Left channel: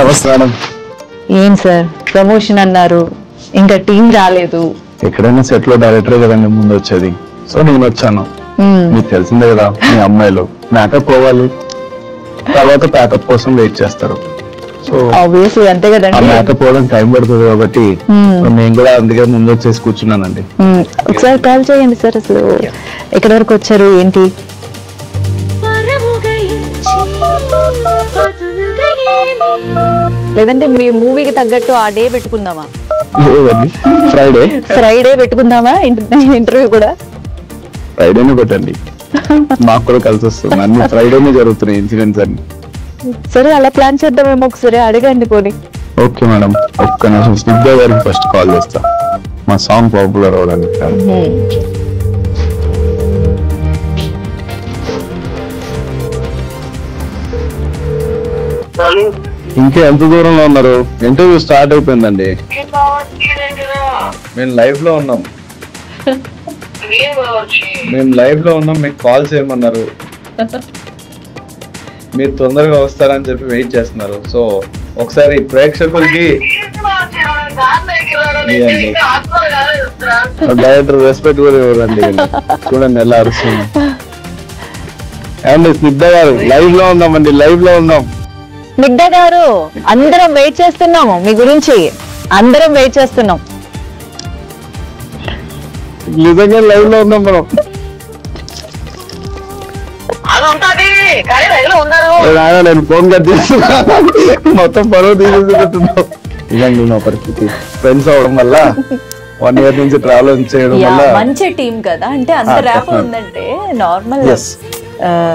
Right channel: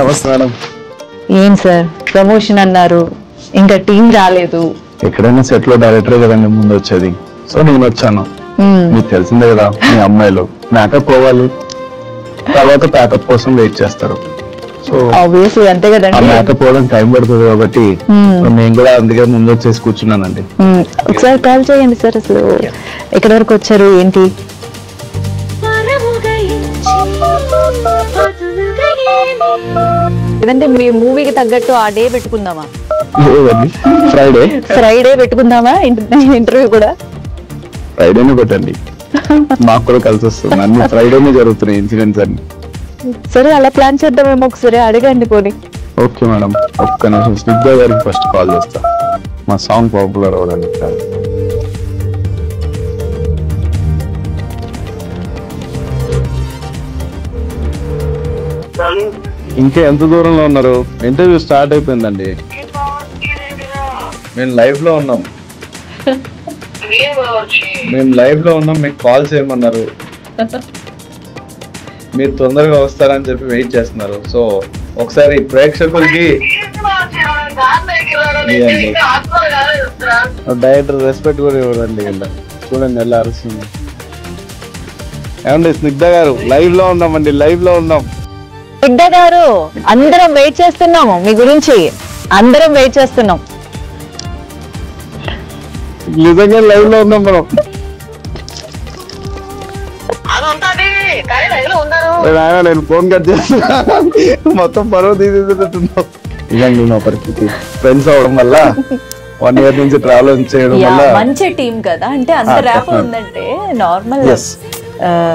నమస్తే మేడం. ఏం sir promotion అన్నారు, ఇంకా టీం రాలేదు. ఎక్కడైనా సెట్ లో డైరెక్టర్ కదండి ముందు వచ్చేది, సో నేను వచ్చాను. మీకు తెలిసిందే కదా, మీ అమ్మాయిలు మేకప్ పోవాలి, తర్వాత ప్యాకప్ కోసం వెయిట్ చేస్తారు. సో ఆబ్వియస్లీ అంతే కదండి, మేకప్ పోవడం టైం పడుతుంది కాబట్టి నేను కూడా అందుకే ముందు వచ్చేసి కూర్చున్నానండి. ఒకసారి కాల్ చేయండి సార్. అసలు ఎక్కడి వరకు వచ్చారు ఏంటి? లేదంటే మీ మూవీకి తగ్గట్టు ఆ డే పెట్టుకుందామా? ఫ్రైడే పెట్టుకుందామా ఇంటర్వ్యూ కూడా? ఫ్రైడేనే పెట్టండి, మాకు కూడా కలిసి వస్తుంది. అన్ని ఫ్రైడేనే జరుగుతున్నాయి ఇన్సిడెంట్స్ అన్ని. సరే అలా ప్లాన్ చేద్దామేమో, ఒకసారి అడగండి పోనీ. ఓకే మేడం, ఒక్క నిమిషం స్నిగ్ధ గారికి ఫస్ట్ కాల్ చేస్తా, మా సాంగ్ పాపులర్ అవ్వడానికి. ఇంకా ఎంత దూరంలో ఉన్నారు? ఇంటర్వ్యూ స్టార్ట్ అయిపోయిందండి, మేము లైవ్ లో ఉన్నాం. మీకు కాల్ చేయమన్నారు, మీరు తొందరగా వస్తారని చెప్పి వెయిట్ చేస్తున్నారు. సో ఒకసారి ప్రేక్షకులకి డైరెక్టర్ రెస్పెక్ట్ కూడా ఇవ్వరండి. చూడండి ఎలా అరుస్తుంది. ఏమండి స్నిగ్ధ గారు, లైవ్ లో ఉన్నామండి, లైవ్ లో ఉన్నాం. స్నిగ్ధ గారు, అందరం వెయిట్ చేస్తున్నాము మీ గురించి, అందరం వెయిట్ చేస్తున్నాం. నిజంగా లైవ్ లో ఉన్నాం మనం. నేను ఫోన్ కట్ చేస్తున్నా, మొత్తం పరువు తీసేస్తున్నావు. ఇదండి నా పరిస్థితి. ఫ్రెండ్స్ అవడం వల్ల 1 year నుంచి ట్రావెల్ చేయడం వల్ల మంచి టీం కదా, అంటే అంత ర్యాప్ ఉందంటే నార్మల్.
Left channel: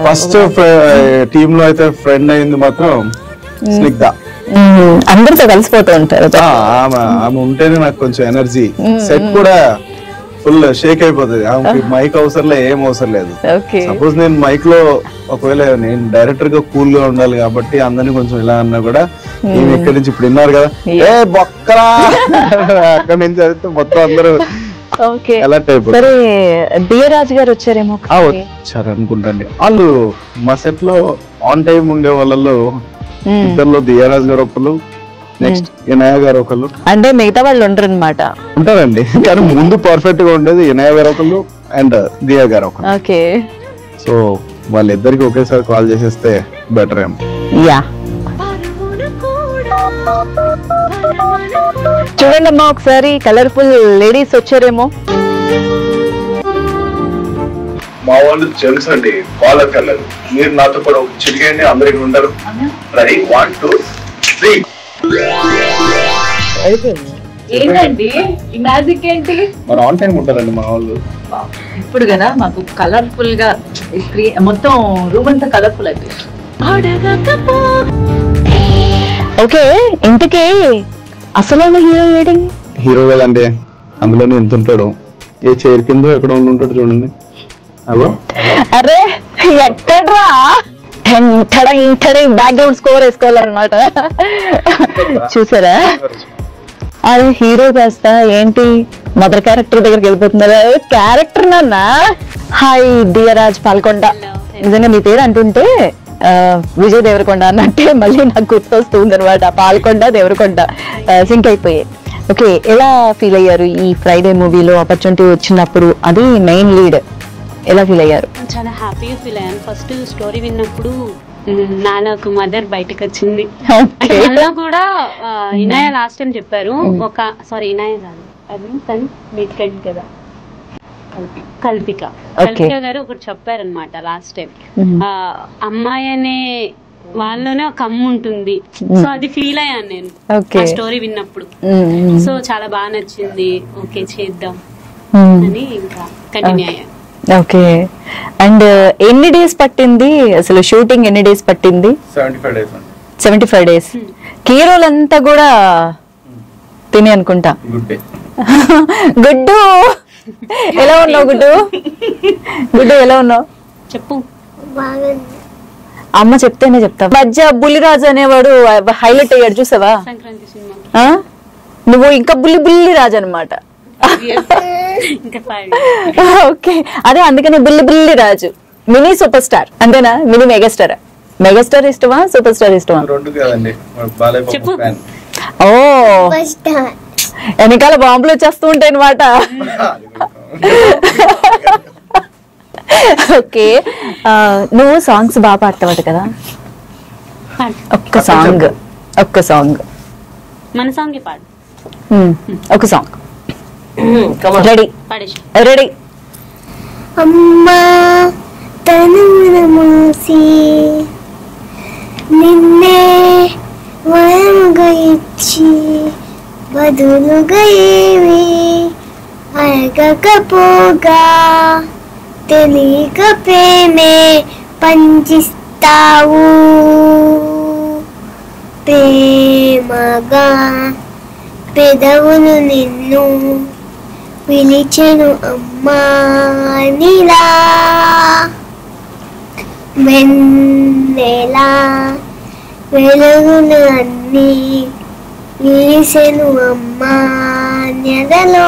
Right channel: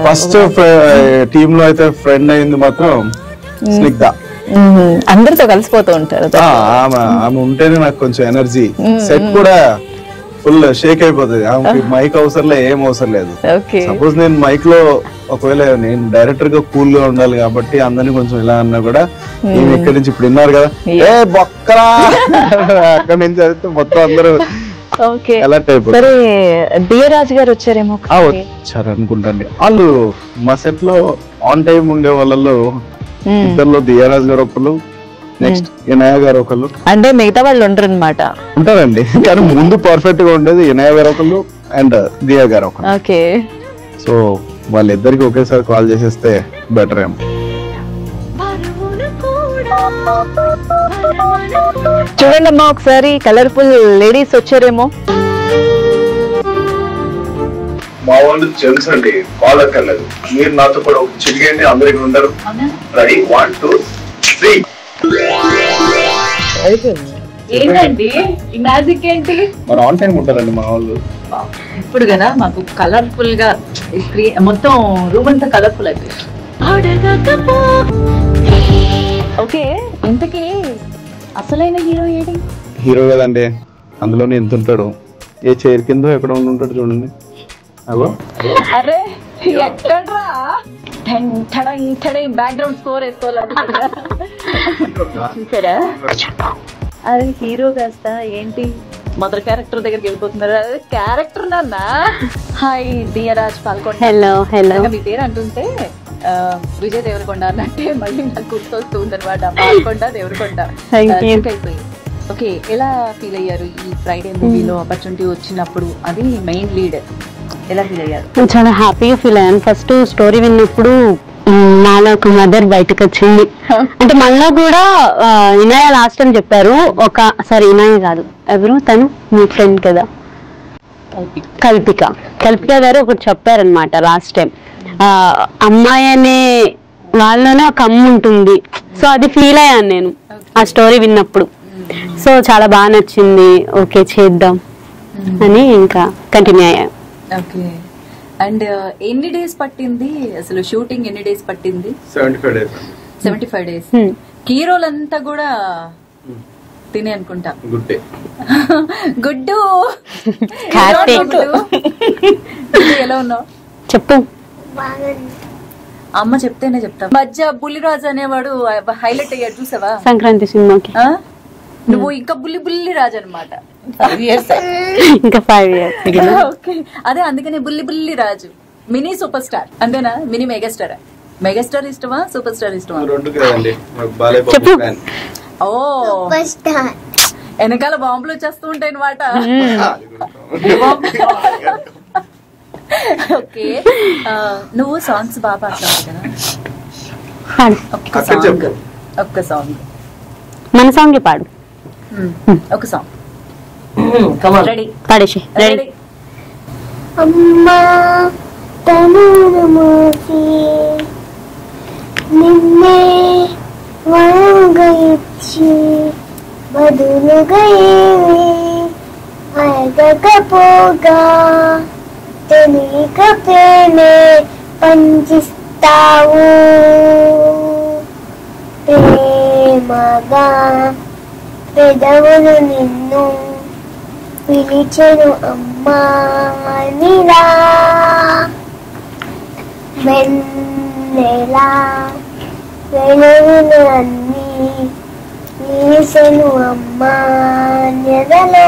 ఫస్ట్ టీమ్ లో అయితే ఫ్రెండ్ అయింది మాత్రం స్నిగ్ధ. అందరితో కలిసిపోతూ ఉంటారు. ఆమె ఉంటేనే నాకు కొంచెం ఎనర్జీ. సెట్ కూడా ఫుల్ షేక్ అయిపోతుంది. ఆమెకి మైక్ అవసరం లేదు, ఏం అవసరం లేదు. సపోజ్ నేను మైక్ లో ఒకవేళ నేను డైరెక్టర్ గా కూల్ గా ఉండాలి కాబట్టి అందరినీ కొంచెం ఇలా అన్నా కూడా, నేను ఇక్కడి నుంచి ఇప్పుడు విన్నారు కదా, ఏ బొక్కరా అక్కడి నుంచి అయితే మొత్తం అందరూ అలర్ట్ అయిపోతారు. సరే దియరాజ్ గారు వచ్చారేమో? వచ్చారు అనుకుంటండి. వాళ్ళు మా సెట్ లో ఆన్ టైం ఉండే వాళ్ళలో ఇద్దరులో దియరాజ్ గారు ఒకళ్ళు, నెక్స్ట్ ఇనయ గారు ఒకళ్ళు. అంటే మిగతా వాళ్ళు ఉండరు అనమాట? ఉంటారండి, కానీ ముందు పర్ఫెక్ట్ గా ఉండేది ఇనయ గారు ఒకళ్ళు అండ్ దియా గారు ఒకళ్ళు. ఓకే, సో వాళ్ళిద్దరికి ఒకేసారి కాల్ చేసేస్తే బెటర్ ఏమో. చూడండి అమ్మా, ఒకసారి కలర్ఫుల్ లేడీస్ వచ్చారేమో. మా వాళ్ళు జెంట్స్ అండి, కాల్ అక్కర్లేదు. మీరు నాతో కూడా చిరిగండి, అందరికి ఉంటారు. రెడీ, 1 2 3. ఏంటండి ఈ మ్యాజిక్ ఏంటి? మరి ఆన్ టైం ఉంటారండి మా వాళ్ళు. ఇప్పుడు కదా మాకు కలర్ఫుల్ గా మొత్తం రూమ్ అంతా కలర్ఫుల్ అయిపోయింది. ఓకే, ఇంటికి అసలైన హీరో ఏడి? హీరో కదండి, అందులోనే ఎంత ఉంటాడు, ఏ చైర్ కింద ఎక్కడ ఉంటాడు చూడండి. అదో అరే ఎక్కడ్రా, బ్యాక్గ్రౌండ్ స్కోర్ వేసుకోవాలన్నమాట. చూసారా, అదే హీరో కాస్త ఏంటి మదర్ క్యారెక్టర్ దగ్గరికి వెళ్ళిపోతున్నారా? క్యారెక్టర్ నాన్న. హాయ్ దియరాజ్ పాల్కొండ. నిజంగా మీ పేరు అంటుంటే విజయ్ దేవరకొండ అన్నట్టే మళ్ళీ నాకు గుర్తొస్తుంది అనమాట. పాల్కొండ దేవరకొండ సింక్ అయిపోయాయి. ఓకే, ఎలా ఫీల్ అయ్యారు ఈ ఫ్రైడే మూవీలో ఆపర్చునిటీ వచ్చినప్పుడు? అది మెయిన్ లీడ్, ఎలా ఫీల్ అయ్యారు? చాలా హ్యాపీగా ఫీల్ అయ్యాను. ఫస్ట్ స్టోరీ విన్నప్పుడు నాలో ఒక మదర్ బయటకు వచ్చింది. అంటే మనలో కూడా ఇనాయ లాస్ట్ అని చెప్పారు. సారీ ఇనాయ కాదు, ఎవరు తను మీ ఫ్రెండ్ కదా, కల్పిక గారు ఒకటి చెప్పారనమాట లాస్ట్ టైం. అమ్మాయి అనే వాళ్ళలోనే ఒక అమ్మ ఉంటుంది. సో అది ఫీల్ అయ్యాను నేను ఆ స్టోరీ విన్నప్పుడు. సో చాలా బాగా నచ్చింది. ఓకే చేద్దాం అని ఇంకా కంటిన్యూ అయ్యాను. ఓకే, అండ్ ఎన్ని డేస్ పట్టింది అసలు షూటింగ్? ఎన్ని డేస్ పట్టింది? 75 days. హీరోలంతా కూడా తిని అనుకుంటా. గుడ్డు ఎలా ఉన్నావు? గుడ్డు ఎలా ఉన్నావు చెప్పు. అమ్మ చెప్తేనే చెప్తా. మధ్య బుల్లిరాజు అనేవాడు హైలైట్ అయ్యాడు చూసావా సంక్రాంతి సినిమాకి? నువ్వు ఇంకా బుల్లి రాజు అనమాట. ఇంకా 5 years. ఓకే, అదే అందుకని బుల్లి రాజు, మినీ సూపర్ స్టార్ అంతేనా? మినీ మెగాస్టార్ మెగాస్టార్ ఇష్టమా సూపర్ స్టార్ ఇష్టమా? రెండు కదండి, బాలయ్య బాబు ఫ్యాన్. ఓ వెనకాల బాంబులు వచ్చేస్తూ ఉంటాయి అనమాట. ఓకే, నువ్వు సాంగ్స్ బాగా పాడతావు కదా, ఒక్క సాంగ్ మన సాంగ్ పాడు. ఒక సాంగ్ రెడీ, పాడేసి రెడీ. అమ్మా తనువును మూసి నిన్నే వరముగా ఇచ్చి బదులుగా ఏవి అడగకపోగా తెలియక ప్రేమే పంచిస్తావు. ప్రేమగా పెదవులు నిన్ను పిలిచెను అమ్మా నీలా, వెన్నెలా వెలుగులు అన్నీ విరిసెను అమ్మా నెలలో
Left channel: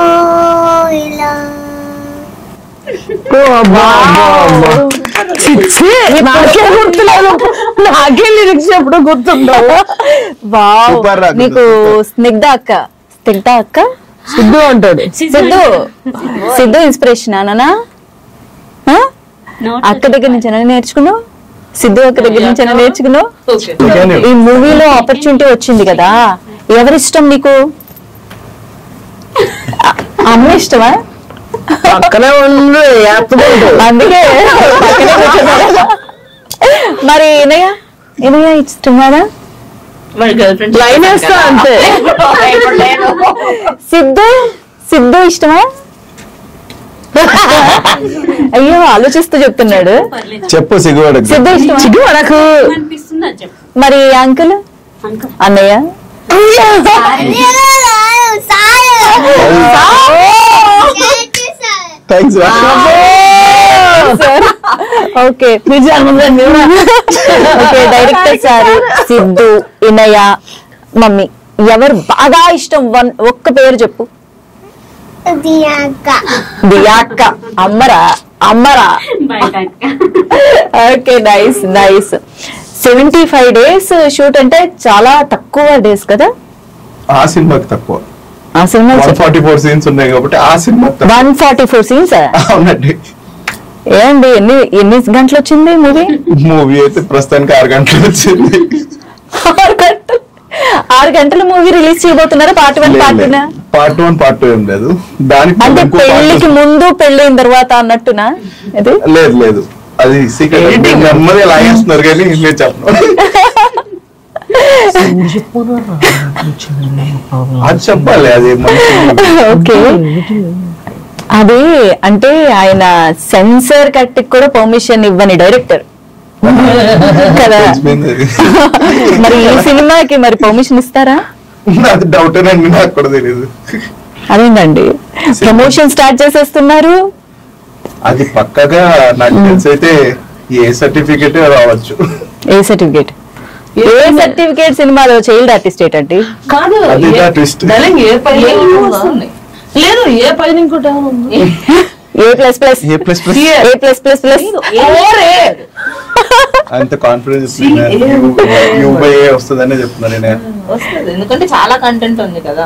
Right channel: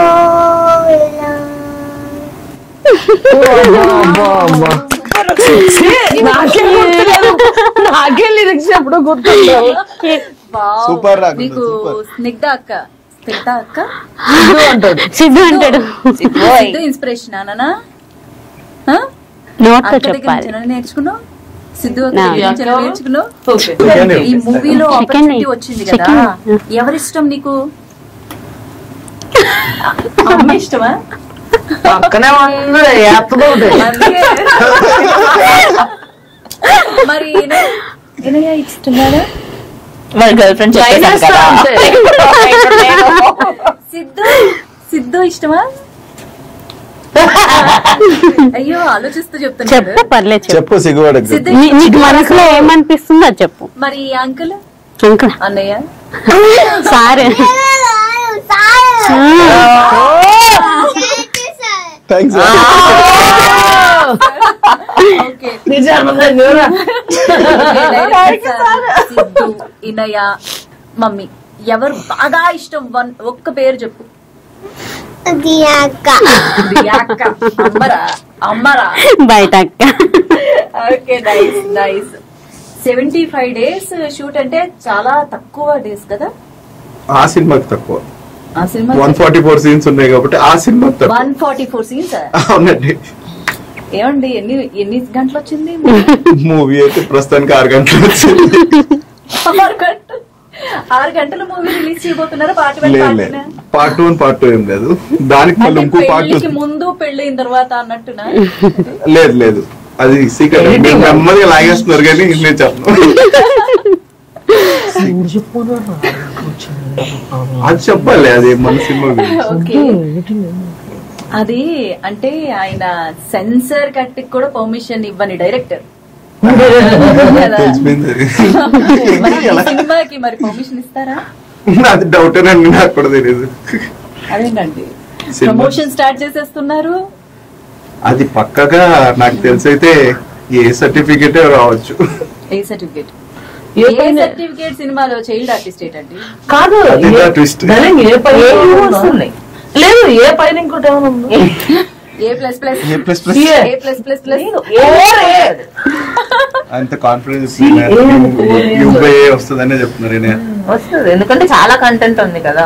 ఇలా. నాకే గుర్తులేదు, నాకే లిరిక్స్ ఎప్పుడు గుర్తుండవు. సూపర్ రా, నీకు స్నిగ్ధ అక్క, స్నిగ్ధ అక్క సిద్ధు అంటాడు. సిద్ధు ఇన్స్పిరేషన్ అనా? అక్క దగ్గర నుంచి నేర్చుకున్నావు, సిద్ధు అక్క దగ్గర నుంచి నేర్చుకున్నావు. ఈ మూవీలో ఆపర్చునిటీ వచ్చింది కదా, ఎవరిష్టం నీకు? అమ్మ ఇష్టమా? పక్కనే ఉంది అందుకే మరి ఇనయ ఇష్టమా? అంతే. సిద్ధు ఇష్టమా? అయ్యో ఆలోచిస్తూ చెప్తున్నాడు. పర్లేదు చెప్పు సిగ్గుపడకు. సిద్ధు ఏమనిపిస్తుంది అది చెప్పు. మరి అంకుల్ అంకుల్ అన్నయ్య thanks. Okay, director sir, Siddhu, Inaya, mummy ఎవరు బాగా ఇష్టం? ఒక్క పేరు చెప్పు. దియాక్క. అమ్మరా బయట అక్క. Okay, nice nice. 75 days shoot అంటే చాలా తక్కువ డేస్ కదా? ఆ సినిమాకి తక్కువ, ఆ సినిమా 144 సీన్స్ ఉన్నాయి కాబట్టి ఆ సినిమాకి తక్కువ. 144 scenes. అవునండి. ఏమండి ఎన్ని గంటలు వచ్చింది మూవీ? మూవీ అయితే ప్రస్తుతానికి 6 గంటలు వచ్చింది. 6 గంటల మూవీ రిలీజ్ చేయబోతున్నారా? Part 1 part 2? పార్ట్ 1 పార్ట్ 2 ఏం లేదు, దానికి అంటే ఇంకో పార్ట్ పెళ్లికి ముందు పెళ్ళైన తర్వాత అన్నట్టునా? లేదు లేదు, అది సీక్రెట్. నెమ్మది లాగేస్తున్నారు కానీ నేను చెప్పను. అది చెప్పాలి, అది మంచి ఓకే, అది అంటే ఆయన సెన్సర్ కట్ కూడా పర్మిషన్ ఇవ్వని డైరెక్టర్ కదా. తెలిసిపోయింది. మరి ఈ సినిమాకి మరి పర్మిషన్ ఇస్తారా? అది డౌటేనండి, నాకు కూడా తెలియదు. అదేంటండి ప్రమోషన్ స్టార్ట్ చేసేస్తున్నారు. అది పక్కగా నాకు తెలిసి అయితే ఏ సర్టిఫికేట్ రావచ్చు. ఏ సర్టిఫికేట్? ఏ సర్టిఫికేట్ సినిమాలో చైల్డ్ ఆర్టిస్ట్ ఏంటండి? కాదు, ట్విస్ట్ లేదు, ఏ పైన ఇంకోటి ఏమైనా ఉందో. అంత కాన్ఫిడెన్స్ వస్తుందనే చెప్తున్నారు. వస్తుంది, ఎందుకంటే చాలా కంటెంట్ ఉంది కదా.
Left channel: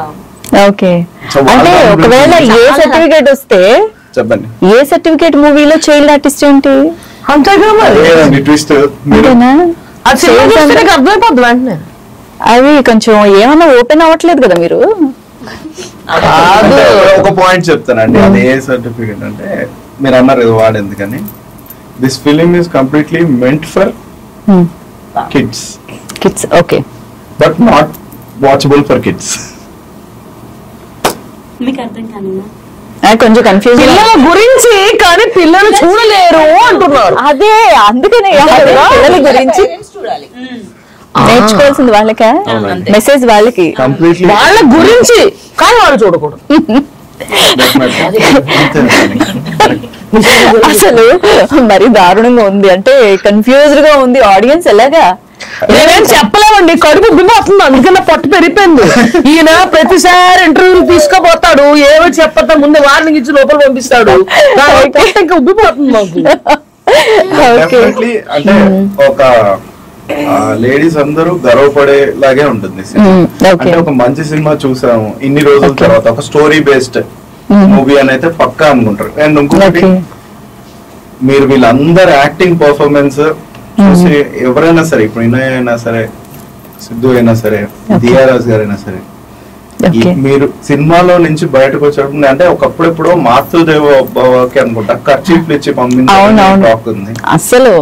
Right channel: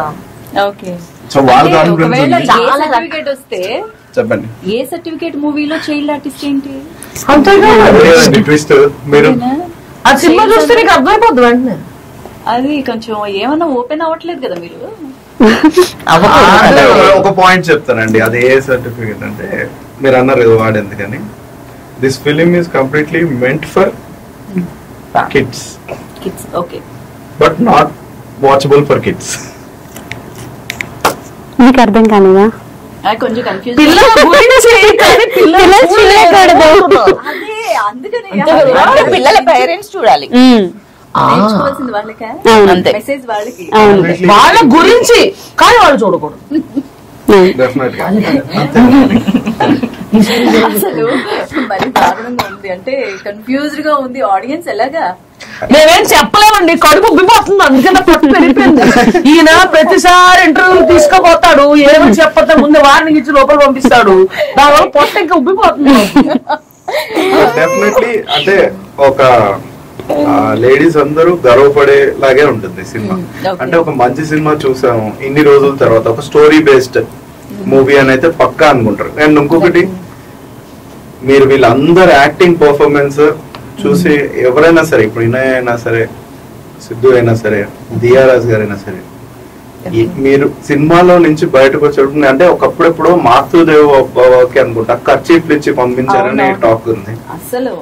ఓకే, సో వాళ్ళు ఒకవేళ ఏ సర్టిఫికేట్ వస్తే చెప్పండి. ఏ సర్టిఫికేట్ మూవీలో చైల్డ్ ఆర్టిస్ట్ ఏంటి? అంతేగా మరి. ట్విస్ట్ మీరు ఆ సినిమా చూస్తే నీకు అర్థమైపోద్ది వెంటనే. అవి కొంచెం ఏమన్నా ఓపెన్ అవ్వట్లేదు కదా మీరు. ఒక పాయింట్ చెప్తానండి, అది ఏ సర్టిఫికేట్ అంటే మీరు అన్నారు ఇది వాడు ఎందుకని. This film is completely meant for kids. Kids, okay, but not watchable for kids. నీకు అర్థం కానిదా? కొంచెం కన్ఫ్యూజ్. పిల్లల గురించి కానీ పిల్లలు చూడలేరు అంటున్నారు. అదే అందుకనే చూడాలి, నేర్చుకోవాల్సింది వాళ్ళకే, మెసేజ్ వాళ్ళకి, వాళ్ళ గురించి కానీ వాళ్ళు చూడకూడదు. అసలు మరి దారుణంగా ఉంది, అంటే కన్ఫ్యూజ్డ్ గా ఉంది ఆడియన్స్. ఎలాగా నేనేం చెప్పలేమండి, కడుపు ఉబ్బిపోతుంది, అందుకన్నా పొట్టు పెరిగిపోయింది. ఈయన ప్రతిసారి ఇంటర్వ్యూలు తీసుకుపోతాడు, ఏమో చెప్పతా ముందు వార్నింగ్ ఇచ్చి లోపల పంపిస్తాడు, పొట్ట ఇంకా ఉబ్బిపోతుంది. డెఫినెట్లీ అంటే ఒక లేడీస్ అందరూ గర్వపడేలాగే ఉంటుంది సినిమా. అంటే ఒక మంచి సినిమా చూసాము ఇన్ని రోజుల తర్వాత, ఒక స్టోరీ బేస్డ్ మూవీ అని అయితే పక్కా అనుకుంటారు. అండ్ ఇంకొకటి, మీరు వీళ్ళందరు యాక్టింగ్ పర్ఫార్మెన్స్ చూసి ఎవరైనా సరే, ఇప్పుడు ఇనయ్ అయినా సరే, సిద్ధు అయినా సరే, దియారాజ్ గారైనా సరే, మీరు సినిమాలో నుంచి బయటకు వచ్చేటప్పుడు అంటే ఒకప్పుడెప్పుడు మాతృదేవ భవకి అనుకుంటా ఖర్చీఫ్లు ఇచ్చి పంపించాలని టాక్ ఉంది. అసలు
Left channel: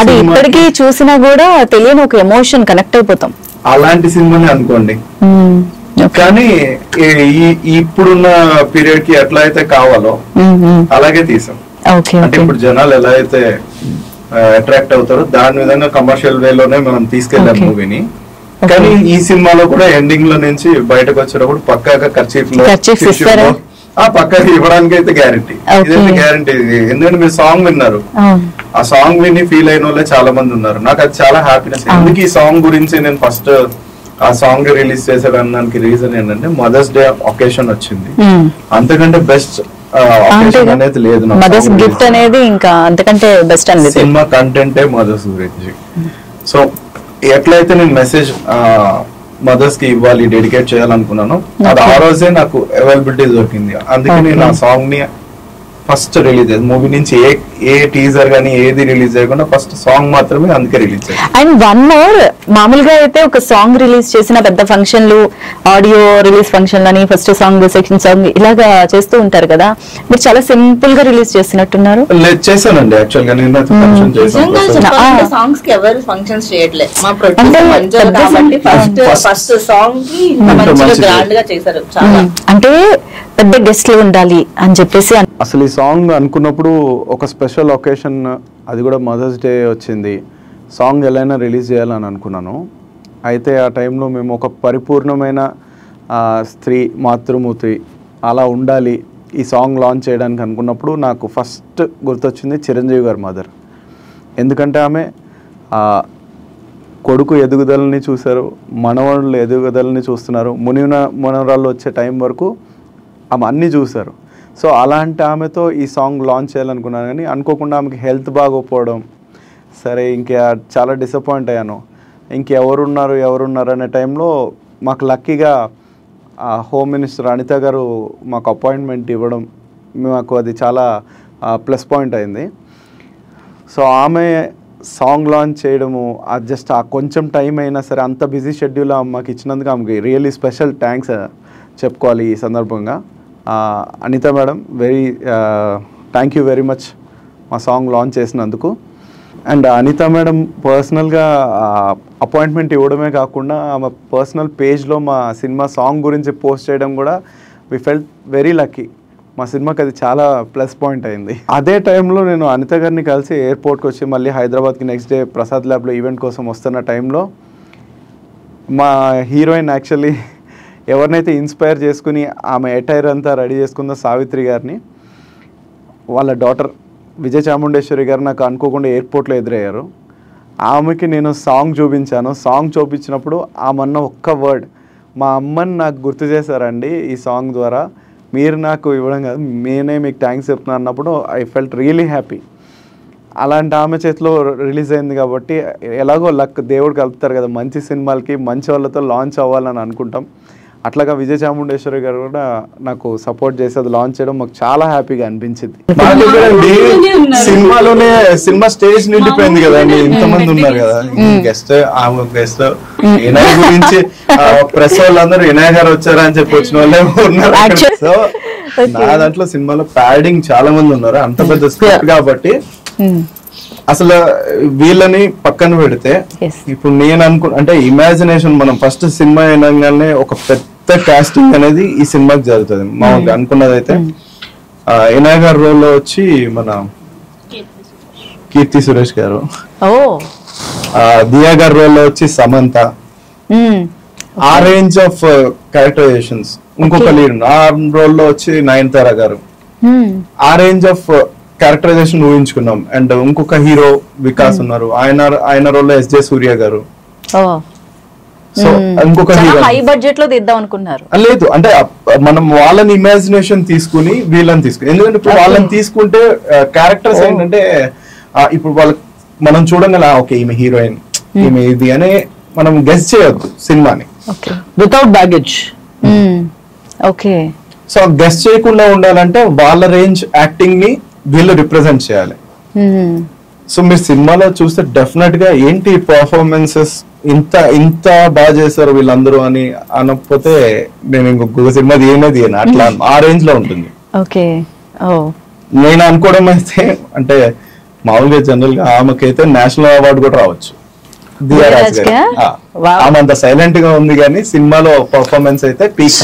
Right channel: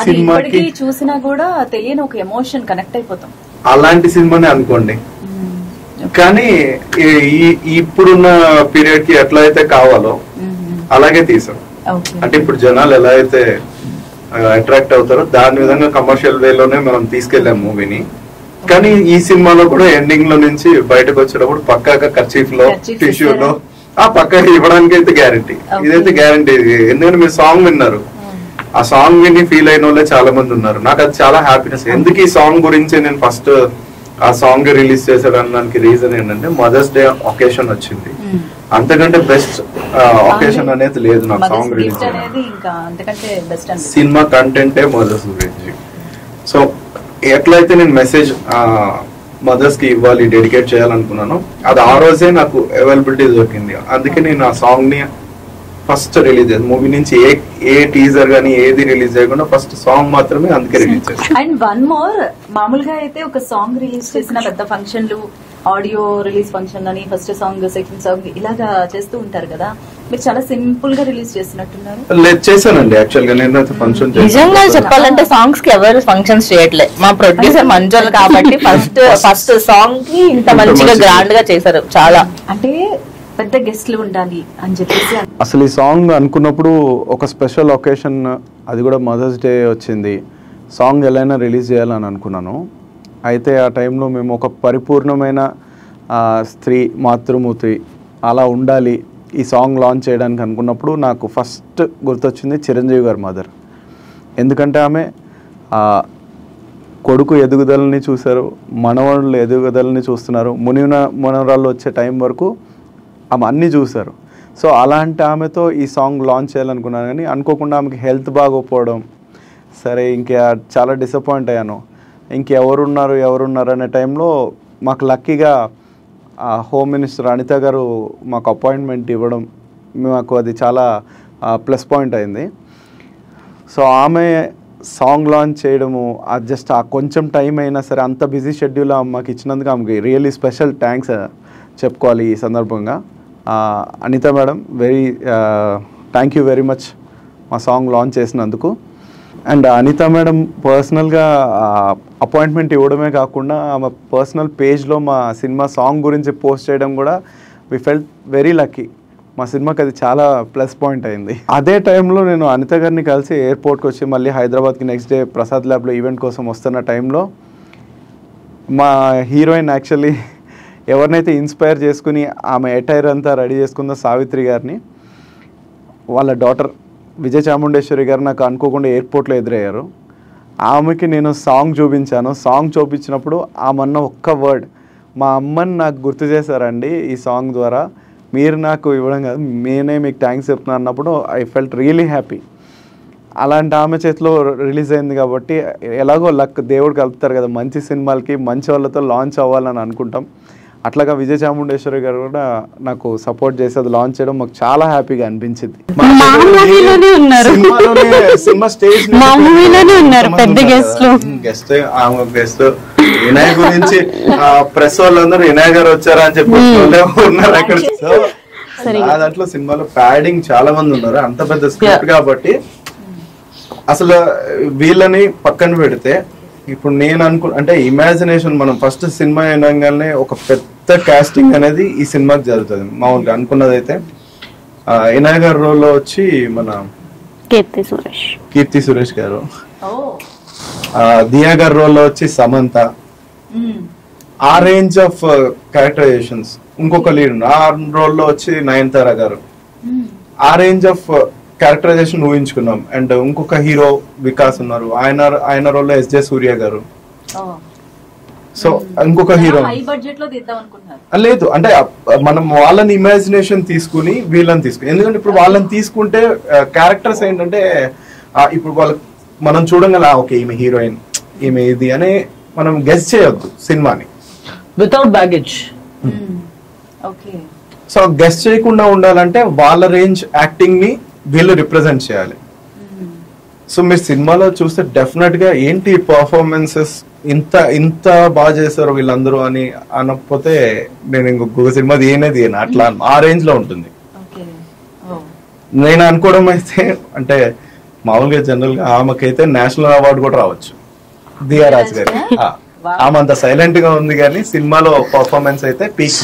అది ఇప్పటికీ చూసినా కూడా తెలియని ఒక ఎమోషన్ కనెక్ట్ అయిపోతాం. అలాంటి సినిమాని అనుకోండి. కానీ ఇప్పుడున్న పీరియడ్ కి ఎట్లా అయితే కావాలో అలాగే తీసాం. అంటే ఇప్పుడు జనాలు ఎలా అయితే అట్రాక్ట్ అవుతారో దాని విధంగా కమర్షియల్ వేలోనే మనం తీసుకెళ్ళాం మూవీని. కానీ ఈ సినిమాలో కూడా ఎండింగ్ లో నుంచి బయటకు వచ్చేటప్పుడు పక్కాగా ఖర్చీఫ్ లో పక్కా ఇవ్వడానికి అయితే గ్యారంటీ, ఇదైతే గ్యారంటీ. ఎందుకంటే మీరు సాంగ్ విన్నారు, ఆ సాంగ్ విని ఫీల్ అయిన వాళ్ళే చాలా మంది ఉన్నారు. నాకు అది చాలా హ్యాపీనెస్. ఎందుకు ఈ సాంగ్ గురించి నేను ఫస్ట్ ఆ సాంగ్ రిలీజ్ చేశాడనడానికి రీజన్ ఏంటంటే మదర్స్ డే ఒకేషన్ వచ్చింది. అంతకంటే బెస్ట్ ఒకేషన్ అనేది లేదు నాకు. సినిమా కంటెంటే మదర్స్ గురించి. సో ఎట్లయితే నేను మెసేజ్ మదర్స్ కి ఇవ్వాలి, డెడికేట్ చేయాలనుకున్నాను, అది ఆ రోజే నాకు అవైలబిలిటీ దొరికింది. అందుకే నేను ఆ సాంగ్ ని ఫస్ట్ రిలీజ్ అయ్యింది. మూవీ నుంచి ఏ టీజర్ గానీ ఏది రిలీజ్ చేయకుండా ఫస్ట్ సాంగ్ మాత్రమే అందుకే రిలీజ్ అయ్యింది. అండ్ వన్ మోర్, మామూలుగా అయితే ఒక సాంగ్ రిలీజ్ చేసిన పెద్ద ఫంక్షన్లు, ఆడియో రిలీజ్ ఫంక్షన్ అని, ఫస్ట్ సాంగ్, సెకండ్ సాంగ్ ఇలాగా చేస్తూ ఉంటారు కదా, మీరు చాలా సింపుల్ గా రిలీజ్ చేసినట్టున్నారు. చేశానండి యాక్చువల్ గా. నేను ఫంక్షన్ చెప్పాలంటే సాంగ్స్ కి ఎవరు ఫంక్షన్స్ చేయట్లేదు. మా ప్రొడ్యూసర్ మంజుల్ కాబట్టి ఫస్ట్ సాంగ్ కి మంచిగా గ్రాండ్ గా చేశారు. చాలా అంటే పెద్ద గెస్ట్లు ఉండాలి అని చెప్పేసి. అసలు ఈ సాంగ్ అనుకున్నప్పుడు ఒక స్పెషల్ ఒకేషన్, అది కూడా మదర్స్ డే వచ్చింది, సాంగ్ ఎలా అయినా రిలీజ్ చేయాలని అనుకున్నాను. అయితే ఆ టైంలో మేము ఒక పరిపూర్ణమైన స్త్రీ, మాతృమూర్తి అలా ఉండాలి ఈ సాంగ్ లాంచ్ చేయడానికి అనుకున్నప్పుడు నాకు ఫస్ట్ గుర్తొచ్చింది చిరంజీవి గారి మదర్. ఎందుకంటే ఆమె కొడుకు ఎదుగుదలని చూశారు, మనవళ్ళు ఎదుగుదలని చూస్తున్నారు, మనవరాళ్ళు వచ్చే టైం వరకు ఆమె అన్నీ చూశారు. సో అలాంటి ఆమెతో ఈ సాంగ్ లాంచ్ చేయాలనుకున్నాను. కానీ అనుకోకుండా ఆమెకి హెల్త్ బాగోపోవడం, సరే ఇంకా చాలా డిసప్పాయింట్ అయ్యాను. ఎవరున్నారు అనే టైంలో మాకు లక్కీగా హోమ్ మినిస్టర్ అనిత గారు మాకు అపాయింట్మెంట్ ఇవ్వడం, మాకు అది చాలా ప్లస్ పాయింట్ అయింది. సో ఆమె సాంగ్ లాంచ్ చేయడము, అది జస్ట్ ఆ కొంచెం టైం అయినా సరే అంత బిజీ షెడ్యూల్ మాకు ఇచ్చినందుకు ఆమెకి రియల్లీ స్పెషల్ థ్యాంక్స్ చెప్పుకోవాలి ఈ సందర్భంగా. Anitha madam, thank you very much మా సాంగ్ లాంచ్ చేసినందుకు. అండ్ అనిత మేడం పర్సనల్గా అపాయింట్మెంట్ ఇవ్వడమే కాకుండా ఆమె పర్సనల్ పేజ్లో మా సినిమా సాంగ్ గురించి పోస్ట్ చేయడం కూడా వి ఫెల్ట్ వెరీ లక్కీ. మా సినిమాకి అది చాలా ప్లస్ పాయింట్ అయింది. అదే టైంలో నేను అనిత గారిని కలిసి ఎయిర్పోర్ట్కి వచ్చి మళ్ళీ హైదరాబాద్కి నెక్స్ట్ డే ప్రసాద్ ల్యాబ్లో ఈవెంట్ కోసం వస్తున్న టైంలో మా హీరోయిన్ యాక్చువల్లీ ఎవరినైతే ఇన్స్పైర్ చేసుకుని ఆమె అటైర్ అంతా రెడీ చేసుకుందో సావిత్రి గారిని, వాళ్ళ డాటర్ విజయ చాముండేశ్వరి గారు నాకు అనుకోకుండా ఎయిర్పోర్ట్లో ఎదురయ్యారు. ఆమెకి నేను సాంగ్ చూపించాను. సాంగ్ చూపించినప్పుడు ఆమె అన్న ఒక్క వర్డ్, మా అమ్మని నాకు గుర్తు చేశారండి ఈ సాంగ్ ద్వారా, మీరు నాకు ఇవ్వడం కాదు, నేనే మీకు థ్యాంక్స్ చెప్తున్నాను అన్నప్పుడు ఐ ఫెల్ట్ రియలీ హ్యాపీ. అలాంటి ఆమె చేతిలో రిలీజ్ అయింది కాబట్టి ఎలాగో లక్, దేవుడు కలుపుతారు కదా మంచి సినిమాలకి, మంచి వాళ్ళతో లాంచ్ అవ్వాలని అనుకుంటాం. అట్లాగా విజయ చాముండేశ్వరి గారు కూడా నాకు సపోర్ట్ చేసి అది లాంచ్ చేయడం మాకు చాలా హ్యాపీగా అనిపించింది. సినిమా స్టేజ్ నిండిపోయింది కదా, గెస్ట్ గెస్ట్ వినాయక్ గురించి ప్రెస్ వాళ్ళందరూ వినాయక్ గారు వచ్చారా అని చెప్పి వచ్చిన వాళ్ళే ఉన్నారు. సో నా దాంట్లో సినిమాలో ప్యాడింగ్ చాలా మంది ఉన్నారు, అంత పెద్ద స్క్రిప్ట్ కాబట్టి అసలు వీళ్ళని పక్కన పెడితే ఇప్పుడు నేను అంటే ఇమాజినేషన్, మనం ఫస్ట్ సినిమా అయినగానే ఒక పెద్ద కాస్టింగ్ అనేది ఈ సినిమాకి జరుగుతుంది. మామూలుగా అనుకున్నది అయితే వినాయక్ గారి రోల్లో వచ్చి మన కీర్తి సురేష్ గారు, దియా గారి రోల్లో వచ్చి సమంత, ఆ రేంజ్ ఆఫ్ క్యారెక్టరైజేషన్స్. ఇంకొక లీడ్ ఆ రోల్లో వచ్చి నయనతార గారు, ఆ రేంజ్ ఆఫ్ క్యారెక్టరైజేషన్ ఊహించుకున్నాం. అండ్ ఇంకొక హీరో వికాస్ ఉన్నారు, ఆయన రోల్లో ఎస్జే సూర్య గారు. సో ఇంకొక హీరో హై బడ్జెట్ లో తీద్దాం అనుకున్నారు. లేదు అంటే మనం వాళ్ళని ఇమాజినేషన్ తీసుకుని వీళ్ళని తీసుకుని, ఎందుకంటే ఇప్పుడు వాళ్ళని తీసుకుంటే క్యారెక్టర్స్ ఏంటంటే ఇప్పుడు వాళ్ళకి మనం చూడగల ఓకే ఈమె హీరోయిన్, ఈమె ఇది అని మనం గెస్ చేయొద్దు సినిమాని. Without baggage. Okay. So guess చేయకుండా ఉండాలంటే వాళ్ళ రేంజ్ యాక్టింగ్ ని వీళ్ళు రిప్రజెంట్ చేయాలి. సో మీరు సినిమాలో చూస్తే డెఫినెట్ గా ఏంటి పర్ఫార్మెన్సెస్ ఇంత బాగా చేశారు వీళ్ళందరూ అని అనకపోతే నేను ఇంకొక సినిమా తీయనే అట్లా ఆ రేంజ్ లో ఉంటుంది. ఓకే. నేను అనుకోవడం అయితే అంటే మామూలుగా జనరల్ గా ఆమెకైతే నేషనల్ అవార్డు కూడా రావచ్చు. దియారాజ్ గారు ఆమె అంత సైలెంట్ గా ఉంది కానీ సినిమాలో పర్ఫార్మెన్స్ అయితే పీక్.